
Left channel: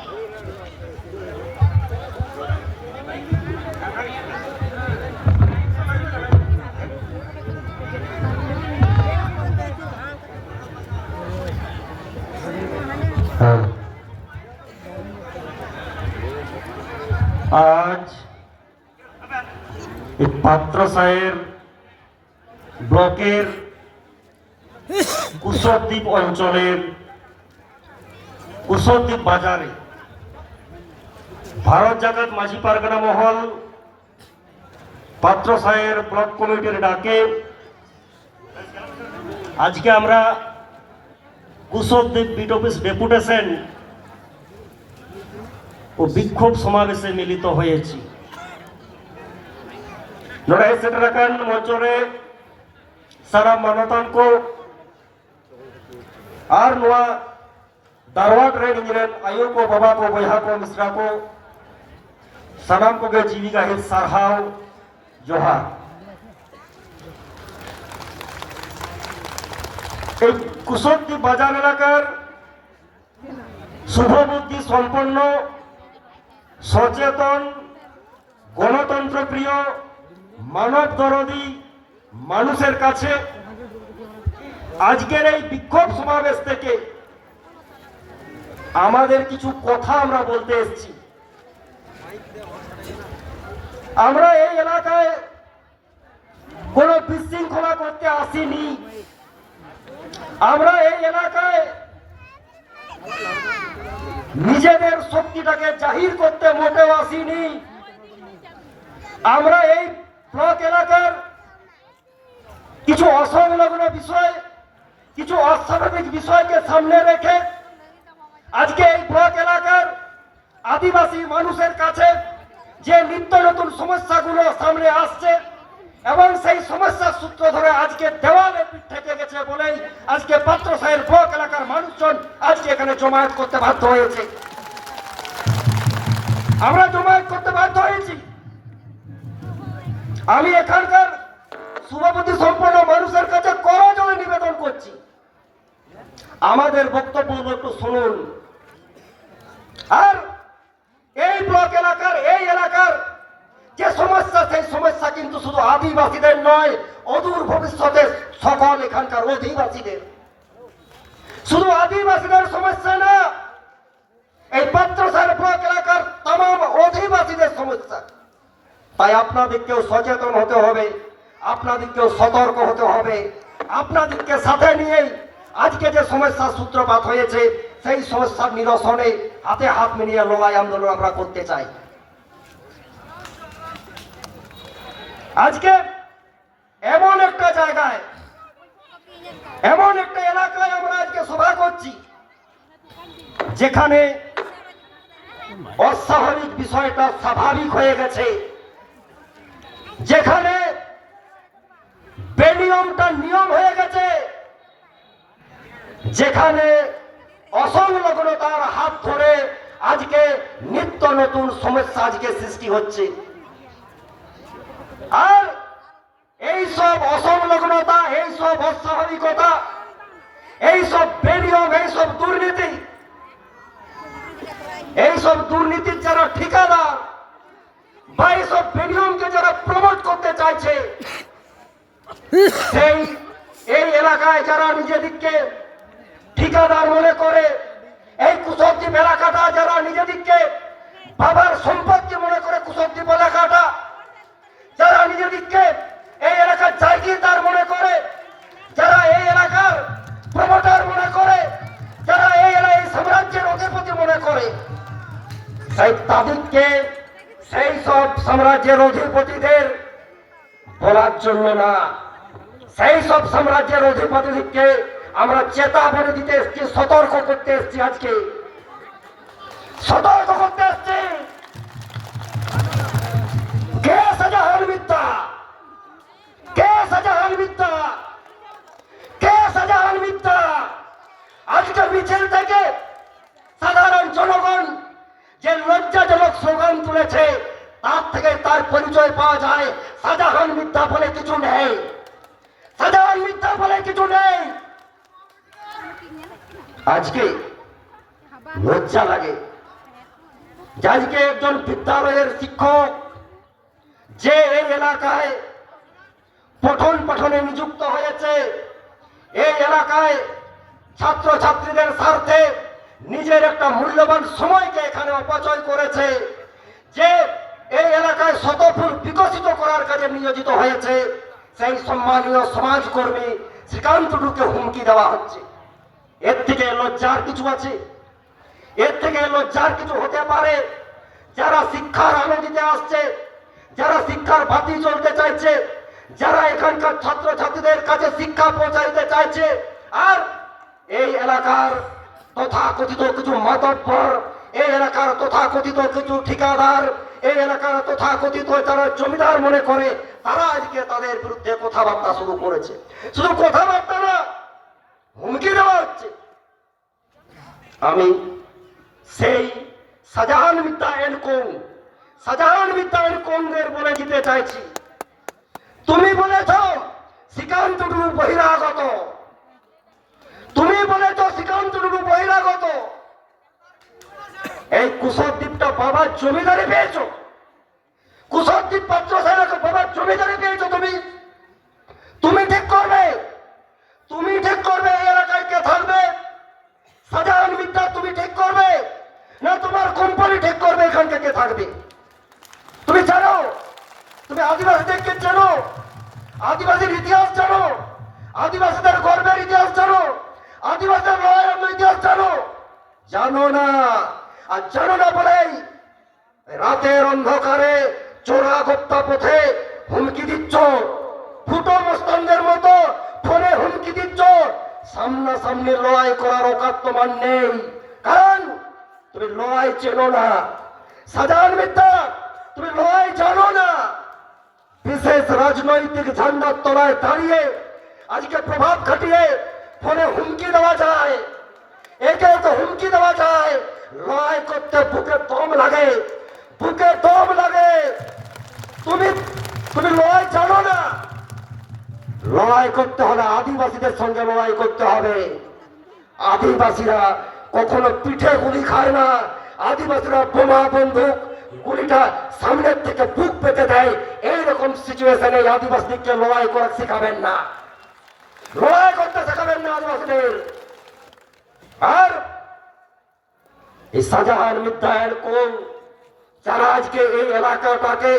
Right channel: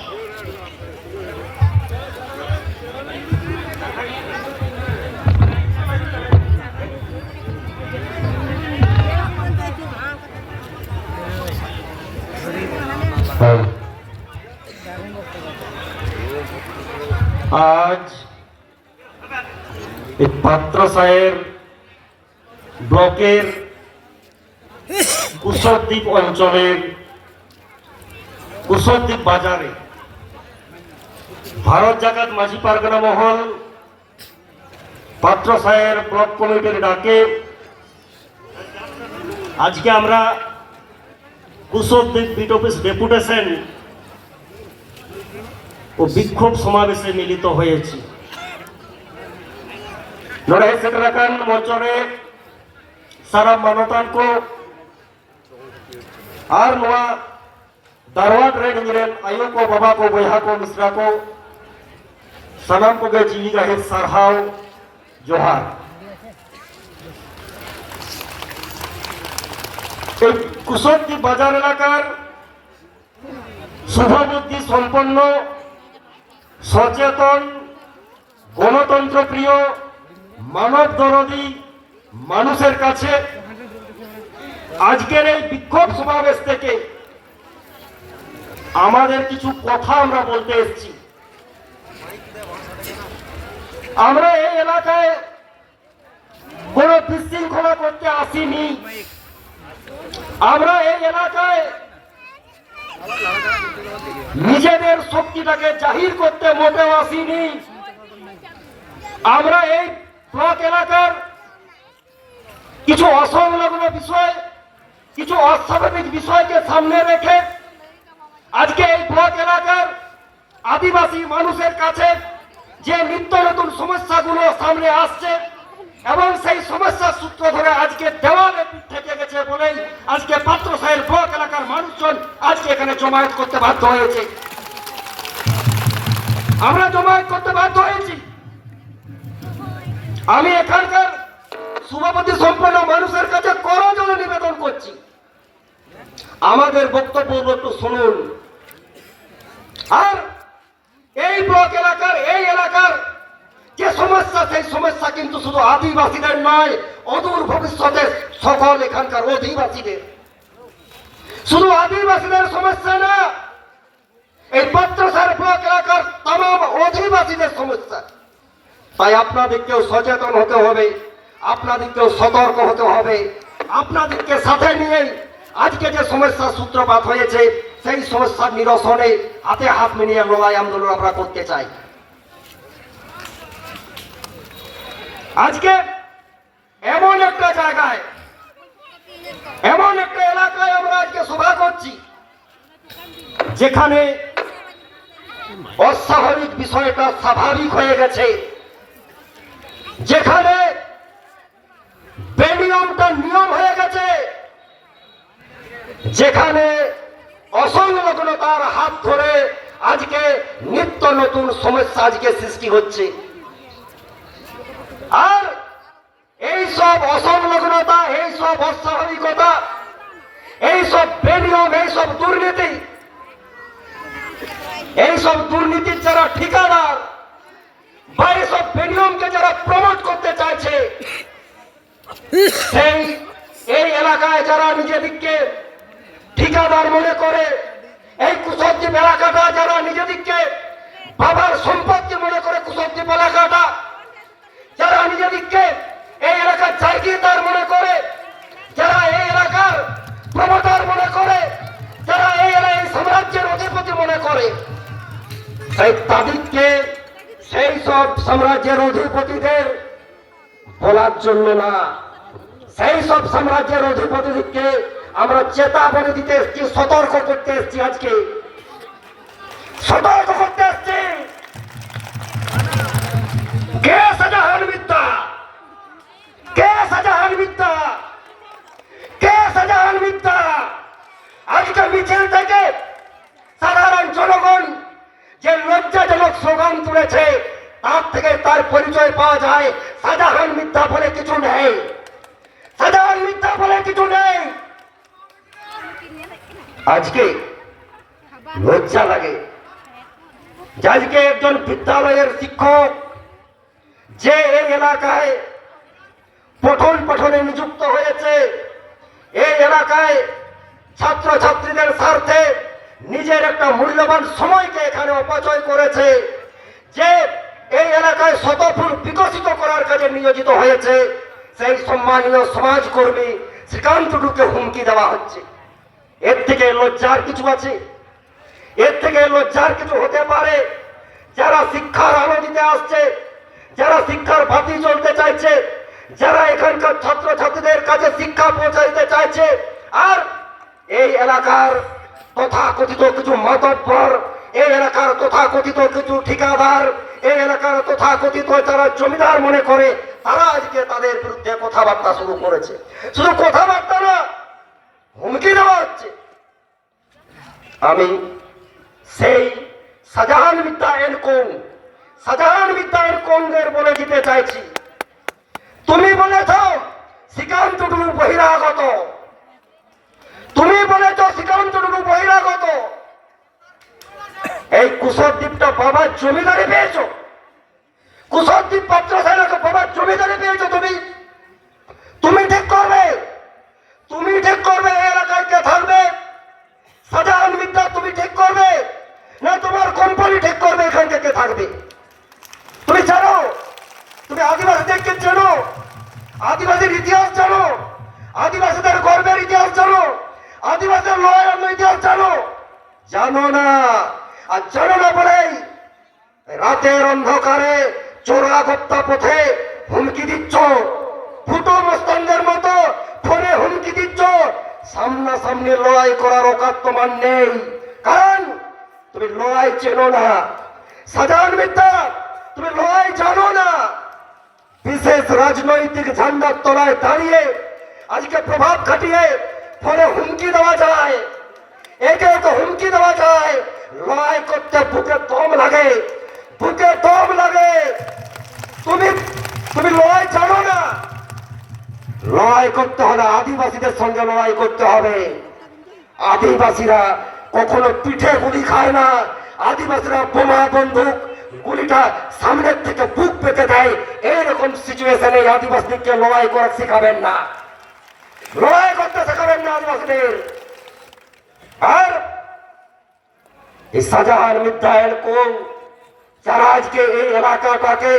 আজ এই পাত্রসাহের ব্লকের কুশলদ্বীপ অঞ্চলের কুশলদ্বীপ বাজারে ভারত জাগাত মাঝি পারগানা মহল পাত্রসাহের ব্লক কমিটির ডাকে আজকে আমরা কুশদ্বীপ বিট অফিস ডেপুটেশন ও বিক্ষোভ সমাবেশে মিলিত হয়েছি। লড়াই সেটারাকান মঞ্চরে সারা মানতাन को আর নোয়া दारवाड़ रे इंजरेन आयो को बाबा को बया को मिश्रा को सानाम को जीवी गाहे सारहाव जोहार। এই কুশদ্বীপ বাজার এলাকার শুভবুদ্ধি সম্পন্ন সচেতন গণতন্ত্র প্রিয় মানব দরদী মানুষের কাছে আজকের এই বিক্ষোভ সমাবেশ থেকে আমাদের কিছু কথা আমরা বলতে এসেছি। আমরা এই এলাকায় কোনো বিশৃঙ্খলা করতে আসিনি। আমরা এই এলাকায় নিজেদের শক্তিটাকে জাহির করতে মোটেও আসিনি। আমরা এই ব্লক এলাকার কিছু অসংলগ্ন বিষয়, কিছু অস্বাভাবিক বিষয়কে সামনে রেখে আজকে এই ব্লক এলাকার আদিবাসী মানুষের কাছে যে নিত্য নতুন সমস্যাগুলো সামনে আসছে এবং সেই সমস্যার সূত্র ধরে আজকে দেওয়ালে পিঠ থেকে গেছে বলেই আজকে পাত্রসাহের ব্লক এলাকার মানুষজন আজকে এখানে জমায়েত করতে বাধ্য হয়েছে। আমরা জমায়েত করতে বাধ্য হয়েছি। আমি এখানকার শুভবুদ্ধি সম্পন্ন মানুষের কাছে করজোড়ে নিবেদন করছি, আমাদের বক্তব্য একটু শুনুন। আর এই ব্লক এলাকার এই এলাকার যে সমস্যা, সেই সমস্যা কিন্তু শুধু আদিবাসীদের নয়, অদূর ভবিষ্যতে সকল এখানকার অধিবাসীদের। শুধু আদিবাসীদের সমস্যা না, এই পাত্রসার ব্লক এলাকার तमाम অধিবাসীদের সমস্যা। তাই আপনাদেরকেও সচেতন হতে হবে, আপনাদেরকেও সতর্ক হতে হবে। আপনাদেরকে সাথে নিয়েই আজকে যে সমস্যার সূত্রপাত হয়েছে সেই সমস্যার নিরসনে হাতে হাত মিলিয়ে লড়াই আন্দোলন আমরা করতে চাই। আজকে এমন একটা জায়গায়, এমন একটা এলাকায় আমরা আজকে সভা করছি যেখানে অস্বাভাবিক বিষয়টা স্বাভাবিক হয়ে গেছে, যেখানে বেনিয়মটা নিয়ম হয়ে গেছে, যেখানে অসংলগ্নতার হাত ধরে আজকে নিত্য নতুন সমস্যা আজকে সৃষ্টি হচ্ছে। আর এই সব অসংলগ্নতা, এই সব অস্বাভাবিকতা, এই সব বেনিয়ম, এই সব দুর্নীতি, এই সব দুর্নীতির যারা ঠিকাদার বা এইসব বেনিয়মকে যারা প্রমোট করতে চাইছে, সেই এই এলাকায় যারা নিজেদেরকে ঠিকাদার মনে করে, এই কুশদ্বীপ এলাকাটা যারা নিজেদেরকে বাবার সম্পত্তি মনে করে, কুশদ্বীপ এলাকাটা যারা নিজেদেরকে এই এলাকার জায়গিদার মনে করে, যারা এই এলাকার প্রমোটার মনে করে, যারা এই এলাকায় সাম্রাজ্যের অধিপতি মনে করে, সেই তাদেরকে সেই সব সাম্রাজ্যের অধিপতিদের বলার জন্য না, সেই সব সাম্রাজ্যের অধিপতিদেরকে আমরা চেতাবনী দিতে এসেছি, সতর্ক করতে এসেছি। আজকে সতর্ক করতে এসেছি। কে শাহজাহান মিথ্যা, কে শাহজাহান মিথ্যা, কে শাহজাহান মিথ্যা। আজকে মিছিল থেকে সাধারণ জনগণ যে লজ্জাজনক স্লোগান তুলেছে তার থেকে তার পরিচয় পাওয়া যায়। শাহজাহান মিথ্যা বলে কিছু নেই, শাহজাহান মিথ্যা বলে কিছু নেই। আজকে লজ্জা লাগে যে আজকে একজন বিদ্যালয়ের শিক্ষক যে এই এলাকায় পঠন পাঠনে নিযুক্ত হয়েছে, এই এলাকায় ছাত্রছাত্রীদের স্বার্থে নিজের একটা মূল্যবান সময়কে এখানে অপচয় করেছে, যে এই এলাকায় শতফুল বিকশিত করার কাজে নিয়োজিত হয়েছে, সেই সম্মানীয় সমাজকর্মী শ্রীকান্ত টুডুকে হুমকি দেওয়া হচ্ছে। এর থেকে লজ্জার কিছু আছে? এর থেকে লজ্জার কিছু হতে পারে? যারা শিক্ষার আলো দিতে আসছে, যারা শিক্ষার বাতি জ্বলতে চাইছে, যারা এখানকার ছাত্রছাত্রীদের কাছে শিক্ষা পৌঁছাইতে চাইছে, আর এই এলাকার তথাকথিত কিছু মাতব্বর, এই এলাকার তথাকথিত কিছু ঠিকাদার, এই এলাকার তথাকথিত যারা জমিদার মনে করে, তারা আজকে তাদের বিরুদ্ধে কথাবার্তা শুরু করেছে। শুধু কথাবার্তা না, হুমকি দেওয়া হচ্ছে। আমি সেই Shahjahan Mitra and co, Shahjahan Mitra and কোংদের বলে দিতে চাইছি, তুমি বলেছ শ্রীকান্ত টুডু বহিরাগত, তুমি বলেছ শ্রীকান্ত টুডু বহিরাগত। এই কুশদ্বীপটা বাবার জমিদারি পেয়েছ, কুশদ্বীপ পাত্র সাহেবকে বাবার জমিদারি পেয়েছো তুমি। তুমি ঠিক করবে, তুমি ঠিক করবে এই এলাকায় কে থাকবে। শাহজাহান মিত্রা তুমি ঠিক করবে না তোমার কোম্পানি ঠিক করবে এখানকে কে থাকবে? তুমি জানো, তুমি আদিবাসীদেরকে চেনো, আদিবাসীর ইতিহাস জানো, আদিবাসীদের গর্বের ইতিহাস জানো, আদিবাসীদের লড়াইয়ের ইতিহাস জানো? জানো না। আর জানো না বলেই রাতের অন্ধকারে চোরা গপ্তা পথে হুমকি দিচ্ছ, ফুটো মস্তানদের মতো ফোনে হুমকি দিচ্ছ। সামনাসামনি লড়াই করার অকাত তোমার নেই, কারণ তুমি লড়াই চেনো না। শাহজাহান মিত্রা তুমি লড়াই জানো না। বিশেষ রাজনৈতিক ঝান্ডার তলায় দাঁড়িয়ে আজকে প্রভাব খাটিয়ে ফোনে হুমকি দেওয়া যায়, একে একে হুমকি দেওয়া যায়। লড়াই করতে বুকে দম লাগে, বুকে দম লাগে। তুমি তুমি লড়াই জানো না। লড়াই করতে হলে আদিবাসীদের সঙ্গে লড়াই করতে হবে। আদিবাসীরা কখনো পিঠে গুলি খায় না, আদিবাসীরা বোমা বন্দুক গুলিটা সামনের থেকে বুক পেতে দেয়। এইরকম সিচুয়েশনে আদিবাসীদেরকে লড়াই করে শেখাবেন না, লড়াই করতে শেখাবেন না আদিবাসীদের। আর এই শাহজাহান মিত্রা এন্ড কোং যারা আজকে এই এলাকাটাকে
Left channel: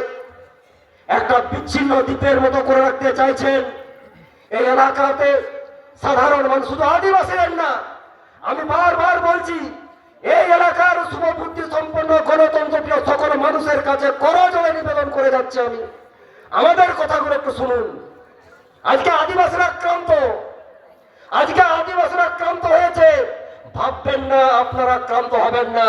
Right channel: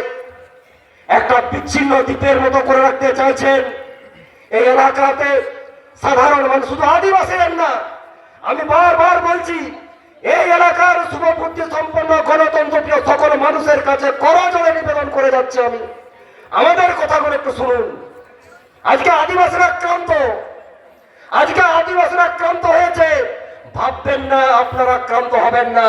একটা বিচ্ছিন্ন দ্বীপের মতো করে রাখতে চাইছেন, এই এলাকাতে সাধারণ মানুষ, শুধু আদিবাসীদের না, আমি বারবার বলছি, এই এলাকার শুভবুদ্ধি সম্পন্ন গণতন্ত্রপ্রিয় সকল মানুষের কাছে করজোড়ে নিবেদন করে যাচ্ছে আমি, আমাদের কথাগুলো একটু শুনুন। আজকে আদিবাসীরা আক্রান্ত, আজকে আদিবাসীরা আক্রান্ত হয়েছে। ভাববেন না আপনারা আক্রান্ত হবেন না,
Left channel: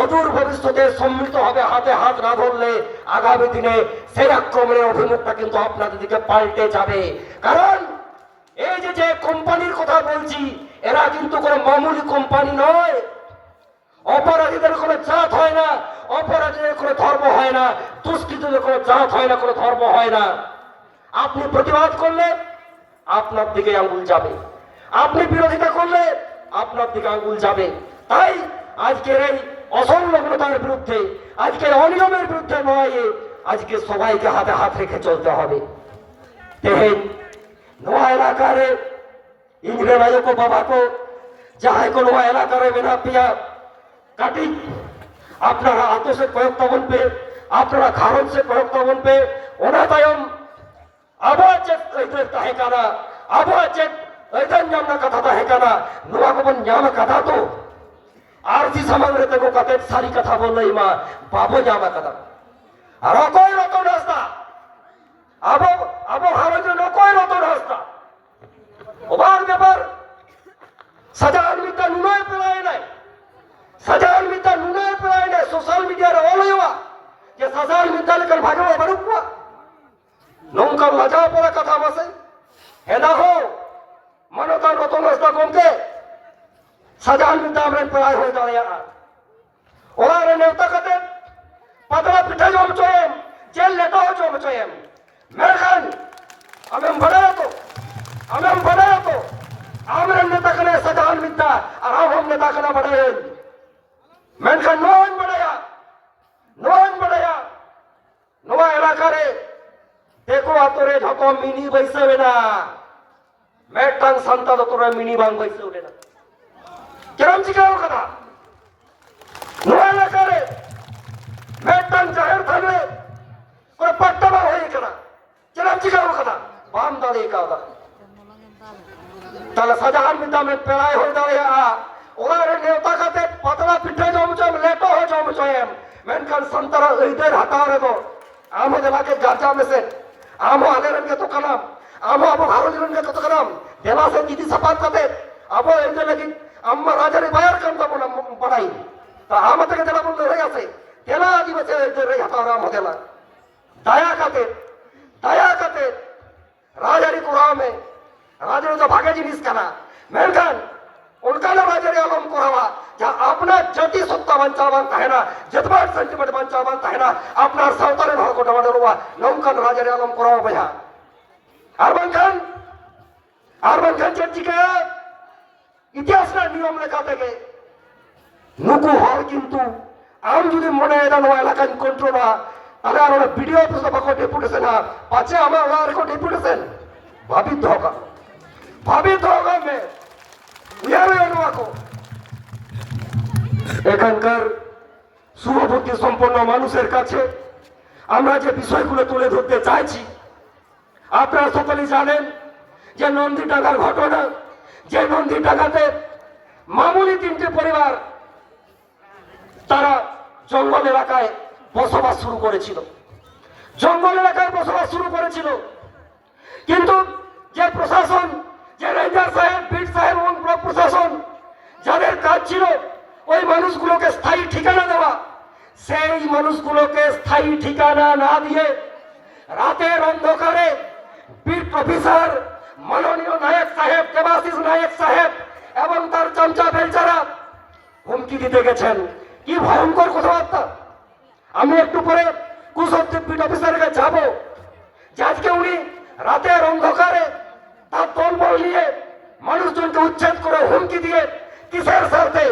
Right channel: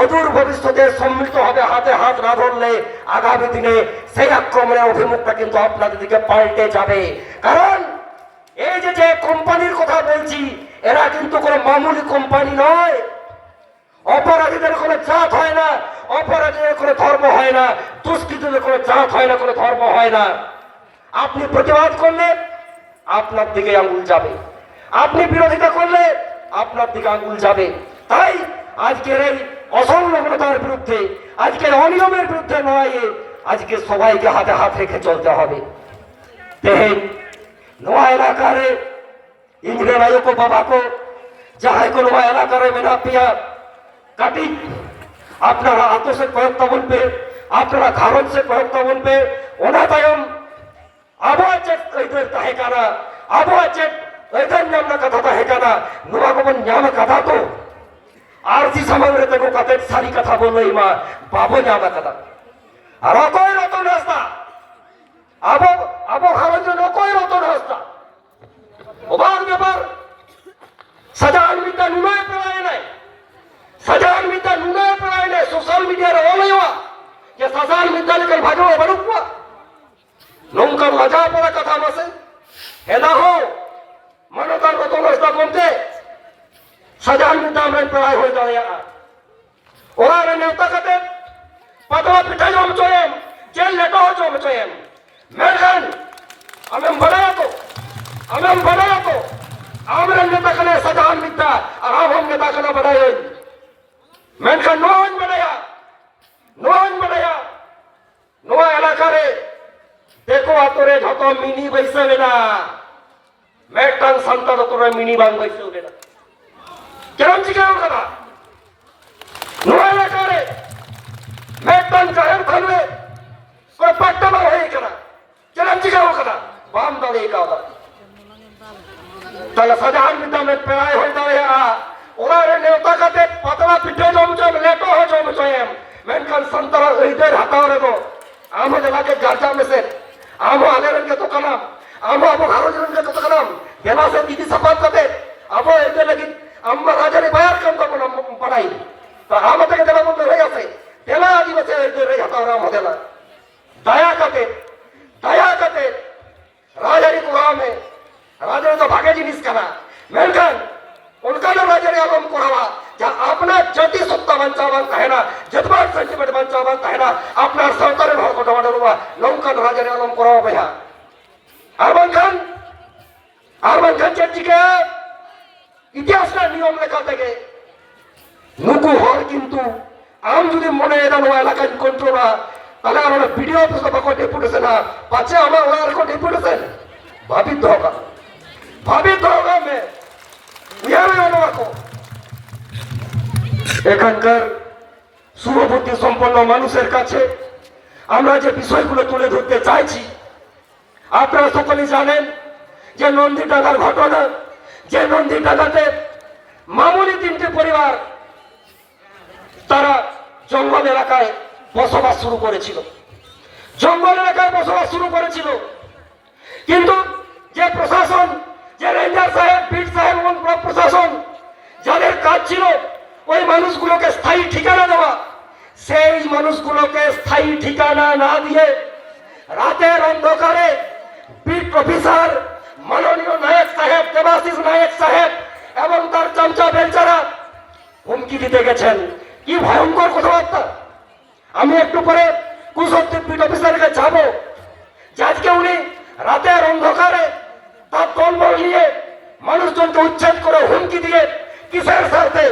অদূর ভবিষ্যতে সম্মিলিত হবে হাতে হাত না ধরলে আগামী দিনে সেই আক্রমণের অভিমুখটা কিন্তু আপনাদের দিকে পাল্টে যাবে। কারণ এই যে কোম্পানির কথা বলছি, এরা কিন্তু কোনো মামুলি কোম্পানি নয়। অপরাধীদের কোনো জাত হয় না, অপরাধীদের কোনো ধর্ম হয় না, দুষ্কৃতীদের কোনো জাত হয় না, কোনো ধর্ম হয় না। আপনি প্রতিবাদ করলে আপনার দিকে আঙ্গুল যাবে, আপনি বিরোধিতা করলে আপনার দিকে আঙ্গুল যাবে। তাই আজকের এই অসংলগ্নতার বিরুদ্ধে, আজকের অনিয়মের বিরুদ্ধে লড়াইয়ে আজকে সবাইকে হাতে হাত রেখে চলতে হবে। তেহেন নোয়া এলাকারে ইঞ্জিনিয়ার আয়োগো বাবাকো যাহাই को নোয়া এলাকারে মেনা পিয়া কাটি আপনারা আতো से কয়েক তাবন पे আপনারা ঘারন से কয়েক তাবন पे ওনা তায়ম আবহাওয়া চেক কইতে তাহে কানা আবহাওয়া চেক এখান নামনা কথা তাহে কানা নোয়া को নাম কথা তো আরসি সামগ্রে তেকো কাতে সারি কথা বললেই মা বাবো নামা কথা আর কই রতন রাস্তা আবো আবো ঘারন জন্য কই রতন রাস্তা অবাক ব্যাপার। শাহজাহান মিত্রা নুনায় পেলায় নাই, শাহজাহান মিত্রা নুনায় পেলায় নাই। সোশ্যাল মিডিয়ার অলয়ওয়া যে শাহজাহান মিত্রা লেখার ভাগো বারুকুয়া নৌকার লজা পড়া কথা বসে হেনা হো মনকার রতন রাস্তা কমতে শাহজাহান মিত্রা আমরা পেলায় হয়ে দাঁড়িয়ে ওরা নেতা কাতে পাতলা পিঠা জম চয়েম জেল নেতা জম চয়েম মেরখান আমি বানায়া তো আমরা নেতা খানে শাহজাহান মিত্রা আর हम নেতা খানা বানায় মেনখান নোন বানায়া নোয়া এলাকারে দেখো আতরে যত মিনি বৈসবে না মেটাং সন্তা তোরা মিনি বাং বৈসবে না কেরম চিকাও কথা নোয়া এলাকারে মেটাং জাহের থানবে কোন পাট্টা বা হয়ে কেনা কেরম চিকাও কথা বাম দালে কাদা তাহলে শাহজাহান মিত্রা में পেরাই হয়ে দাঁড়িয়ে ওরা নেতা কাতে পাতলা পিঠে জমচম লেটো হয়ে জমচম মেনখান সন্তরা ঈদের হাতারে তো আমাদের আগে যার মেসে আমো আগের কে তো কালাম আমো আবো ভারতের কে তো কালাম দেনা সে দিদি সাফাত করতে আবার এদের লাগি আমরা রাজারে বাইর কাম তখন বাড়াই তা আমাদের দেলা বন্ধ হয়ে গেছে দেলা আদিবাসী এদের হাতারা মদেলা दया करते राजारी कुराव में राजा तो भागे जिनिस करा मेनखान उनका राजारी आलम कुरावा जहाँ अपना जति सत्ता बंचावन कहना जतबार सेंटिमेंट बंचावन कहना अपना सावतारण हो को दवाड़ हुआ नौकन राजारी आलम कुरावा भैया आरमान खान चर्ची के इतिहास ना नियम लेखा থেকে नुकु हर किंतु आम যদি মনে এদান ওয়া এলাকা কন্ট্রোল না তাহলে আমরা ভিডিও অফিসে বাকো ডেপুটেশন না পাছে আমরা ওনার কো ডেপুটেশন ভাবিত হোগা মে ইয়ারে আনোয়াকো এখানকার শুভবুদ্ধি সম্পন্ন মানুষের কাছে আমরা যে বিষয়গুলো তুলে ধরতে চাইছি আপনারা সকলেই জানেন যে নন্দীডাঙ্গার ঘটনা যে নন্দীডাঙ্গাতে মামুলি 3টে পরিবার তারা জঙ্গল এলাকায় বসবাস শুরু করেছিল কিন্তু যে প্রশাসন যে রেঞ্জার সাহেব বিট সাহেব এবং ব্লক প্রশাসন যাদের কাজ ছিল ওই মানুষগুলোকে স্থায়ী ঠিকানা দেওয়া সেই মানুষগুলোকে স্থায়ী ঠিকানা না দিয়ে রাতের অন্ধকারে বিট অফিসার মাননীয় নায়ক সাহেব দেবাশিস নায়ক সাহেব এবং তার চামচা বেলচারা হুমকি দিতে গেছেন কি ভয়ঙ্কর কথাবার্তা আমি একটু পরে কুশদ্দীপ বিট অফিসারকে যাব যে আজকে উনি রাতের অন্ধকারে তার দলবল নিয়ে মানুষজনকে উচ্ছেদ করে হুমকি দিয়ে কিসের স্বার্থে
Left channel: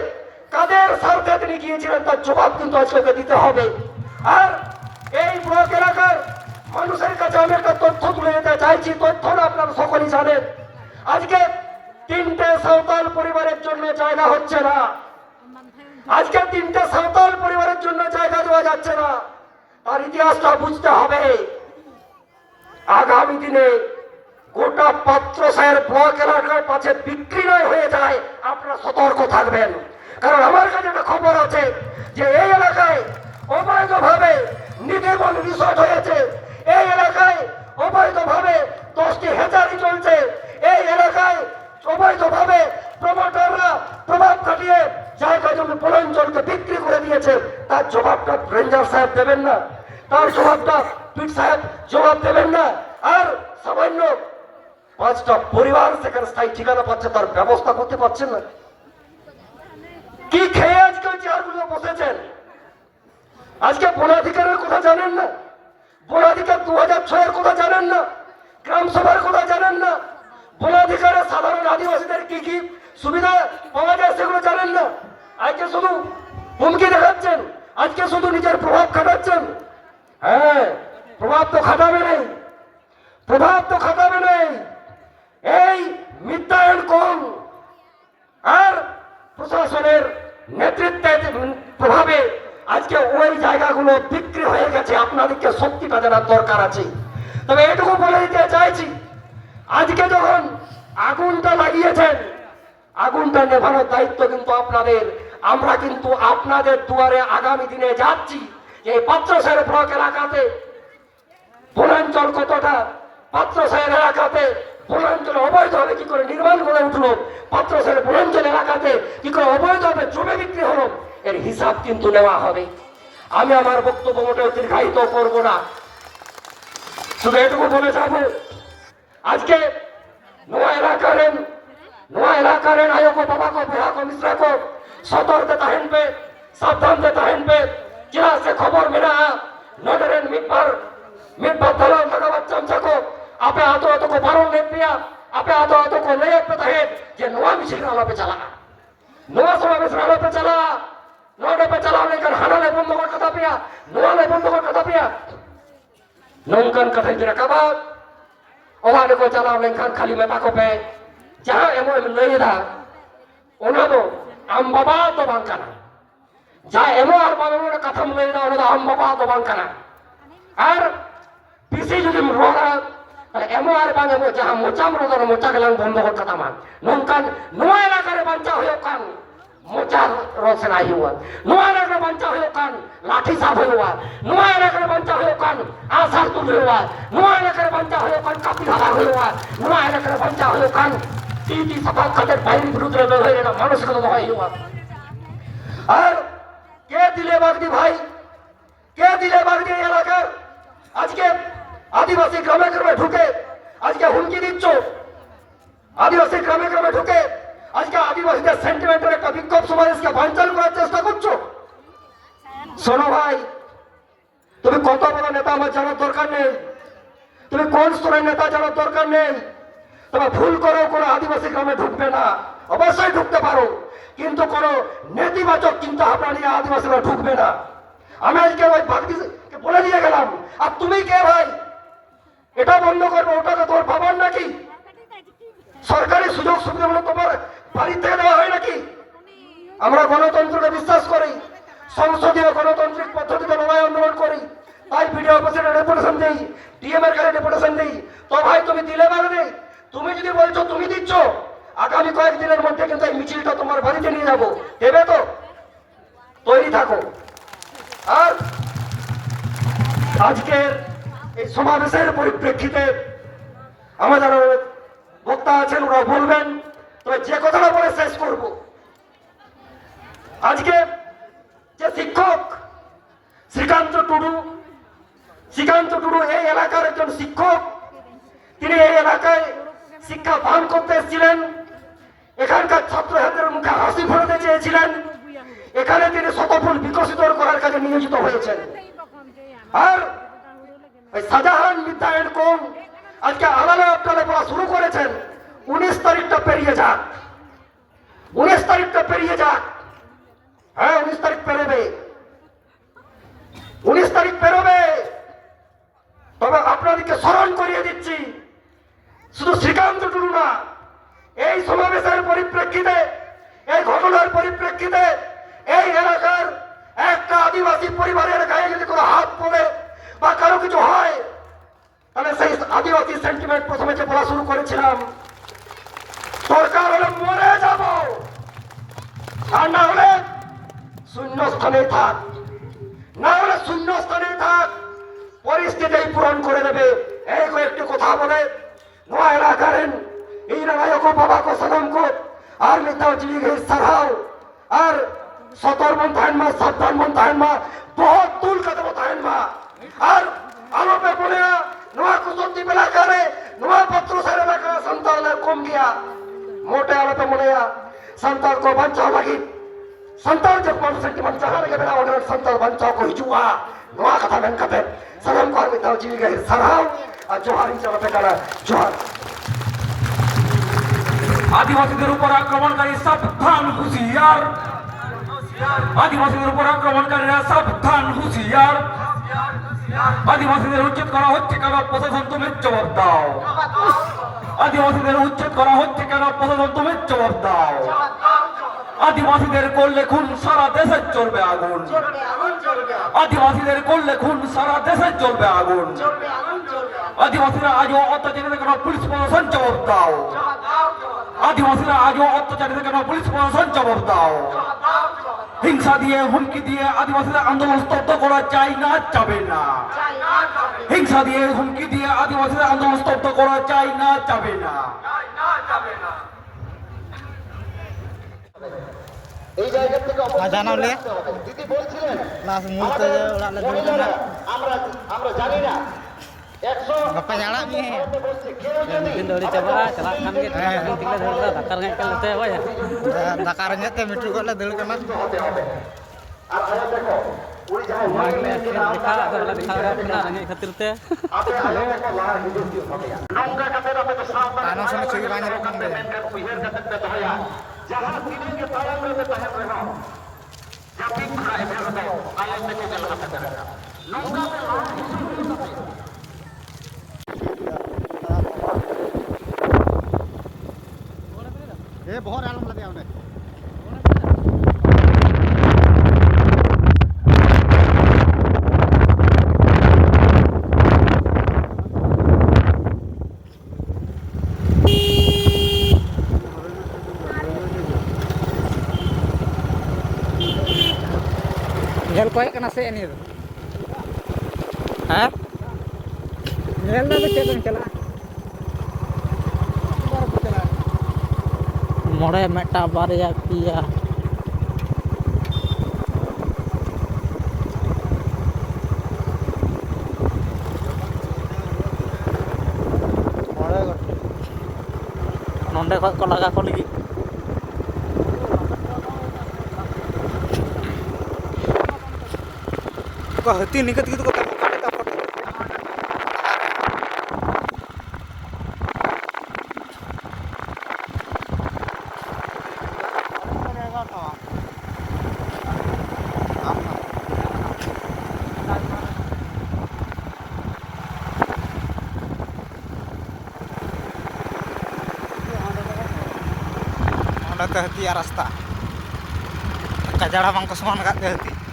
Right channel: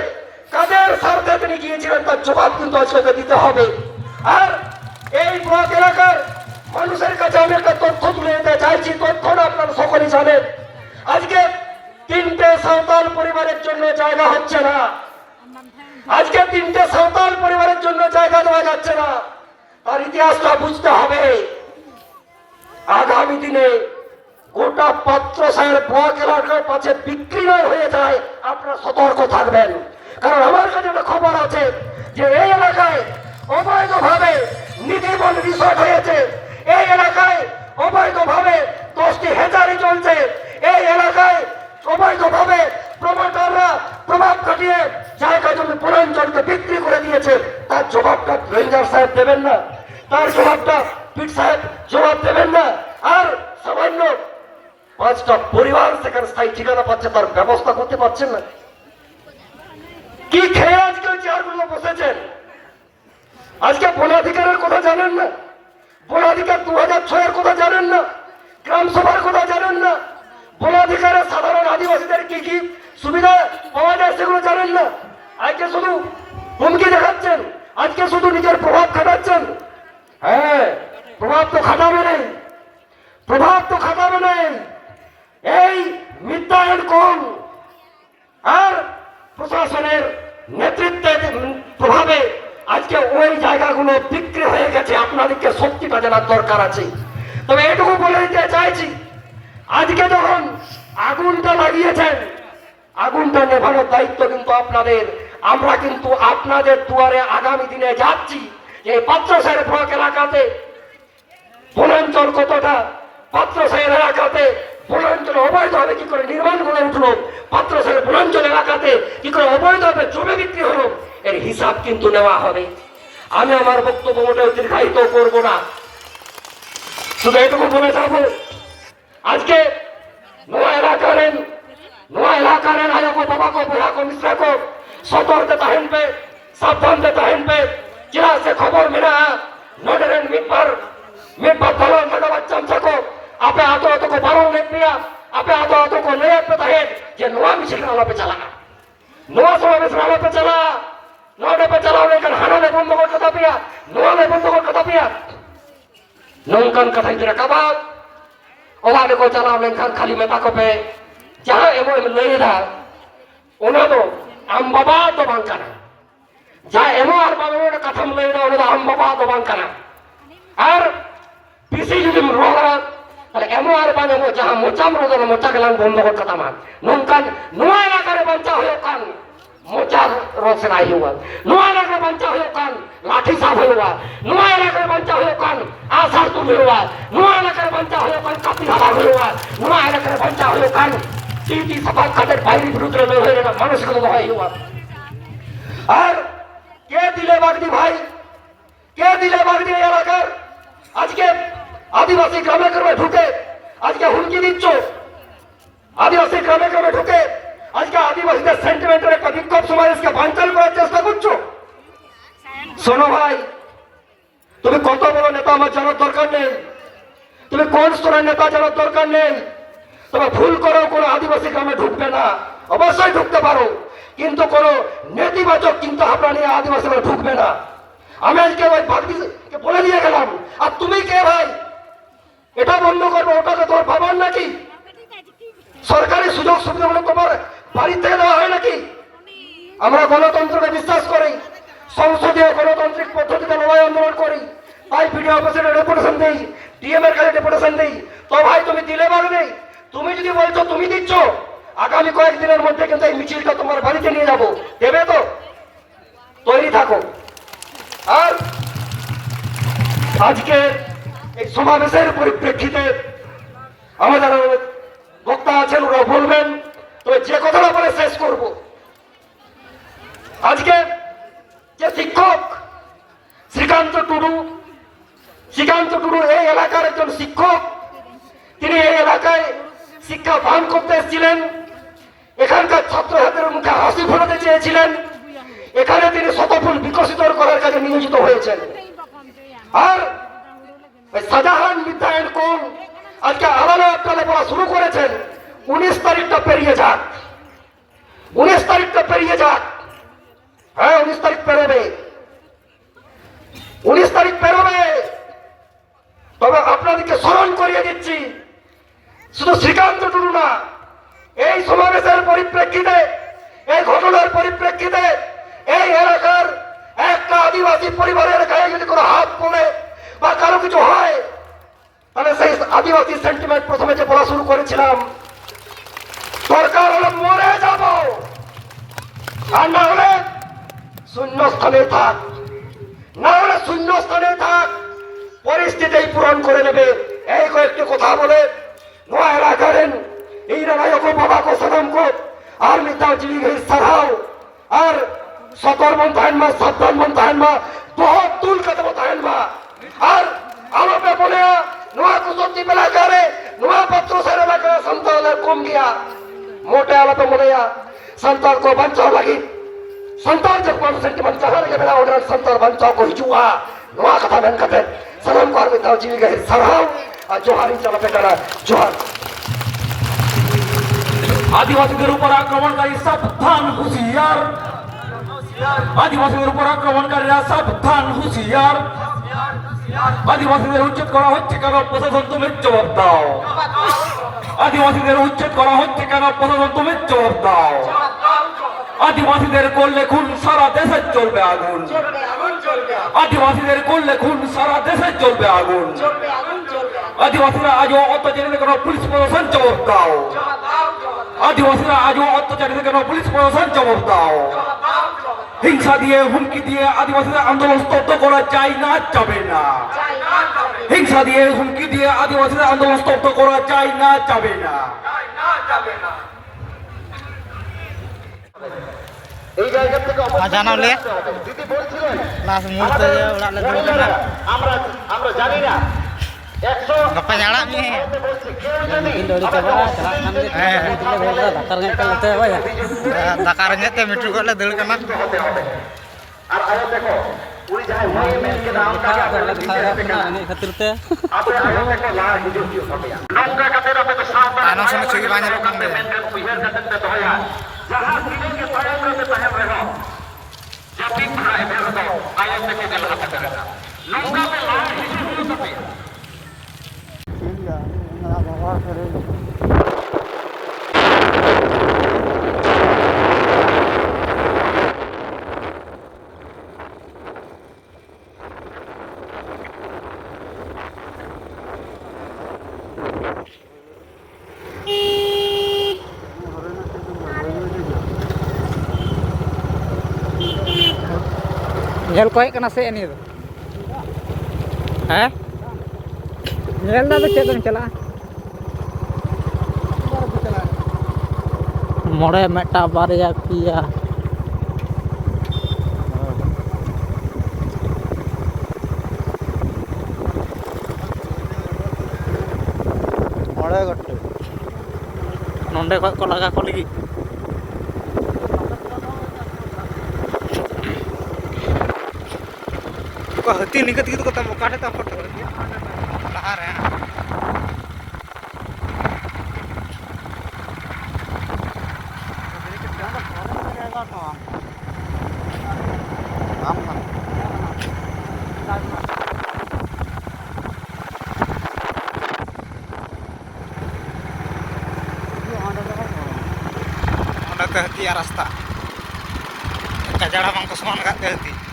কাদের স্বার্থে তিনি গিয়েছিলেন তার জবাব কিন্তু আজকে দিতে হবে আর এই ব্লক এলাকার মানুষের কাছে আমি একটা তথ্য তুলে দিতে চাইছি তথ্যটা আপনারা সকলেই জানেন আজকে 3টে সাঁওতাল পরিবারের জন্য জায়গা হচ্ছে না আজকে 3টে সাঁওতাল পরিবারের জন্য জায়গা দেওয়া যাচ্ছে না তার ইতিহাসটা বুঝতে হবে আগামী দিনে গোটা পাত্রসাহের ব্লক এলাকার পাশে বিক্রি নয় হয়ে যায় আপনারা সতর্ক থাকবেন কারণ আমার কাছে একটা খবর আছে যে এই এলাকায় অবৈধভাবে নিধিবন রিসোর্ট হয়েছে এই এলাকায় অবৈধভাবে 10টি হেচারি চলছে এই এলাকায় অবৈধভাবে প্রমোটাররা প্রভাব খাটিয়ে জায়গা জমি বনাঞ্চলকে বিক্রি করে দিয়েছে তার জবাবটা রেঞ্জার সাহেব দেবেন না তার জবাবটা পিট সাহেব জবাব দেবেন না আর সামান্য 5টা পরিবার সেখানে স্থায়ী ঠিকানা পাচ্ছে তার ব্যবস্থা করতে পারছেন না কি খেয়ে আজকাল চেয়ারগুলো বসেছেন আজকে বনাধিকারের কথা জানেন না বনাধিকার 2006-এর কথা জানেন না গ্রাম সভার কথা জানেন না বনাধিকারের সাধারণ আদিবাসীদের কি কি সুবিধা পাওয়া যায় সেগুলো জানেন না আজকে শুধু হুমকি দেখাচ্ছেন আজকে শুধু নিজের প্রভাব খাটাচ্ছেন হ্যাঁ প্রভাব তো খাটাবে নাই এই মিথ্যায়ন কম আর প্রশাসনের নেতৃত্বে প্রভাবে আজকে ওই জায়গাগুলো বিক্রি হয়ে গেছে আপনাদেরকে সত্যিটা জানার দরকার আছে তবে এটুকু বলে দিতে চাইছি আজকে যখন আগুনটা লাগিয়েছেন আগুনটা নেভানোর দায়িত্ব কিন্তু আপনাদের আমরা কিন্তু আপনাদের দুয়ারে আগামী দিনে যাচ্ছি যে পাত্রসাহের ব্লক এলাকাতে বনাঞ্চল কতটা পাত্রসাহের এলাকাতে বনাঞ্চল অবৈধভাবে কি করে নির্মাণ করে উঠলো পাত্রসাহের বনাঞ্চল এলাকাতে কি করে অবৈধভাবে জমি বিক্রি হলো এর হিসাব কিন্তু নেওয়া হবে আমি আমার বক্তব্য মোটেও দীর্ঘায়িত করব না শুধু এটুকু বলে যাব আজকে নোয়া এলাকার आयो को बाबा को बुढ़ा को मिश्रा को सतर्क तहन पे सावधान तहन पे जिला से खबर मिला नडरेन मिटभर दलन नगवा चमचा को आपे आतो को बारों ले पिया आपे आतो को नया पे तहन जे নোয়া मिছিল वाला पे चला নোয়া समावेश वाला पे चला নোয়াটা पे चला लेकिन हानाले बंद कर कथा पिया নোয়ালে बंद कर कथा पिया नौकन कथा इधर कबा ओवाले को चला लेकिन खाली में बाको पे जहाँ एमो नहीं था उन्होंने आम बाबा तो बांकना जहाँ एमो और बाबा ने कथा नहीं था उन्होंने आम बाबा तो बांकना और पीसी जो दिन रोड़ा अरे एमो और बाबा ने जहाँ मोचा मरोदा ने मोचा के लांग बंद कर कथा मान नौकन नोआ इलाका रे बंचा हुए कान मोचा रोज से नहीं हुआ नोआ इलाका रे बंचा हुए कान लाठी साफ हुआ नोआ इलाका रे बंचा हुए कान आसार तुम हुआ नोआ इलाका रे बंचा हुए कान कापी हवा हुआ नोआ इलाका रे बंचा हुए कान টিটি সাফাত খাটের বাইরের বিরুদ্ধে হয়ে এটা মানসিকতা দোহাই হওয়া আর কে দিলে বাগদি ভাই কে দিলে বাগদি এই এলাকার আজকে আদিবাসী গ্রামে গ্রামে ঢুকে আজকে হুমকি দিচ্ছ আদিবাসী গ্রামে গ্রামে ঢুকে আজকে আদিবাসীদের সেন্টিমেন্টের একটা বিক্ষোভ সমাবেশকে বানচাল করার চেষ্টা করছো শোনো ভাই তুমি কত বড় নেতা আমার জানার দরকার নেই তুমি কোন স্তরের নেতা জানার দরকার নেই তবে ভুল করেও কোনো আদিবাসী গ্রামে ঢুকবে না অবশ্যই ঢুকতে পারো কিন্তু কোনো নেতিবাচক চিন্তা ভাবনা নিয়ে আদিবাসীরা ঢুকবে না আমি আজকে ওই বাগদিকে বলে দিয়ে গেলাম আর তুমি কে ভাই এটা বন্ধ করবো ওটা তো তোমার বাবার নাকি সরকারি সুযোগ সুবিধাগুলো তোমার বাড়ির থেকে দেওয়া হয় নাকি আমরা গণতন্ত্রকে বিশ্বাস করি সংসদীয় গণতান্ত্রিক পদ্ধতিতে লড়াই আন্দোলন করি তাই ভিডিও অফিসের ডেপুটেশন দেই ডিএম এর কাছে ডেপুটেশন দেই তো ভাই তুমি দিলে পারবে তুমি যদি বলছো তুমি দিচ্ছ আগামী কয়েকদিনের মধ্যে কিন্তু এই মিছিলটা তোমার বাড়িতে নিয়ে যাবো দেবে তো তৈরি থাকো আর আজকে এই সমাবেশের পরিপ্রেক্ষিতে আমাদের বক্তা আছেন ওরা বলবেন তবে যে কথাটা বলে শেষ করব আজকে যে শিক্ষক শ্রীকান্ত টুডু এই এলাকার একজন শিক্ষক তিনি এই এলাকায় শিক্ষা দান করতে এসেছিলেন এখানকার ছাত্রছাত্রীদের মুখে হাসি ফোটাতে চেয়েছিলেন এখানে তিনি শতফুল বিকশিত করার কাজে নিয়োজিত হয়েছেন আর ওই শাহজাহান বিদ্যায়ন কোন আজকে আলাদা আপনারা বলা শুরু করেছেন 19 তারিখটা পেরিয়ে যাক 19 তারিখটা পেরিয়ে যাক হ্যাঁ 19 তারিখ পেরোবে 19 তারিখ পেরোবে তবে আপনাদেরকে স্মরণ করিয়ে দিচ্ছি শুধু শ্রীকান্ত টুডু না এই সমাবেশের পরিপ্রেক্ষিতে এই ঘটনার পরিপ্রেক্ষিতে এই এলাকার একটা আদিবাসী পরিবারের গায়ে যদি কোনো হাত পড়ে বা কারো কিছু হয় তাহলে সেই আদিবাসী সেন্টিমেন্ট প্রথমে যে বলা শুরু করেছিলাম সরকার হলে মরে যাব আর না হলে শূন্যস্থানে থাক না হলে শূন্যস্থানে থাক পরিস্থিতি পূরণ করে নেবে এই কয়েকটি কথা বলে নোয়া এলাকারেন এই রানায়কো বাবা কো সালাম কো আর মিতাও জিলি গই সারাও আর সতর মন তাহেন মা সাবধান মন তাহেন মা বহুত তুল কদম তাহেন মা আর আলোপে বলে নোয়া কুসন্তি এলাকারে নোয়া পত্র সার এলাকা সন্তানের কম গিয়া मोटे आला तो बोले संताल को बचाओ लगी संताल जब 1% बचाने के बिना ऑर्डर संताल बचाओ को हिजुआ नवा कथा बन कते सलाम को में जी गए सरहाव जोहारी चला पे करा जोहार আদিবাসীদের উপর আক্রমণকারী সাবধান হুঁশিয়ার আদিবাসীদের উপর আক্রমণকারীরা সাবধান হুঁশিয়ার আদিবাসীদের উচ্ছেদ করা হচ্ছে কেন প্রশাসন তুমি জবাব দাও আদিবাসীদের উচ্ছেদ করা হচ্ছে কেন প্রশাসন তুমি জবাব দাও আদিবাসীদের করলে খুন সারা দেশে চলবে আগুন আদিবাসীদের করলে খুন সারা দেশে চলবে আগুন আদিবাসীরা আজও অত্যাচারীদের কেন পুলিশ প্রশাসন জবাব দাও আদিবাসীরা আজও অত্যাচারীদের কেন পুলিশ প্রশাসন জবাব দাও হিংসা দিয়ে হুমকি দিয়ে আদিবাসীদের আন্দোলন স্তব্ধ করা যায় না যাবে না হিংসা দিয়ে হুমকি দিয়ে আদিবাসীদের আন্দোলন স্তব্ধ করা যায় না যাবে না জানাও লে লাস্ট মুহূর্তে যে ওড়াগ লে দুল কানা gapa nyala nih dori coba dakarnya teh mitu kok le dul kana tanong sama cuy banyak lokang deh Nyel koek kena se ini tuh. Hah? Nyel dah tuh cek celah. ᱢᱚᱬᱮ ᱢᱤᱫᱴᱟᱝ ᱵᱟᱨᱭᱟ ᱯᱮᱭᱟ ᱱᱚᱸᱰᱮ ᱠᱷᱚᱡ ᱠᱚ ᱞᱟᱜᱟ ᱠᱚ ᱞᱟᱹᱜᱤᱫ ᱦᱟᱹᱛᱤ ᱱᱤᱝᱠᱟᱹ ᱛᱮᱜᱮ ᱠᱚ ᱠᱟᱴᱮ ᱠᱟ ᱯᱷᱚᱴᱚ ᱚᱸᱰᱮ ᱛᱮ ᱦᱟᱹᱛᱤᱭᱟᱜ ᱨᱟᱥᱛᱟ ᱜᱟᱡᱟᱲ ᱦᱚᱸ ᱵᱟᱝ ᱠᱚ ᱥᱚᱢᱟᱱ ᱟᱠᱟᱫ ᱛᱮ ᱦᱟᱹᱛᱤ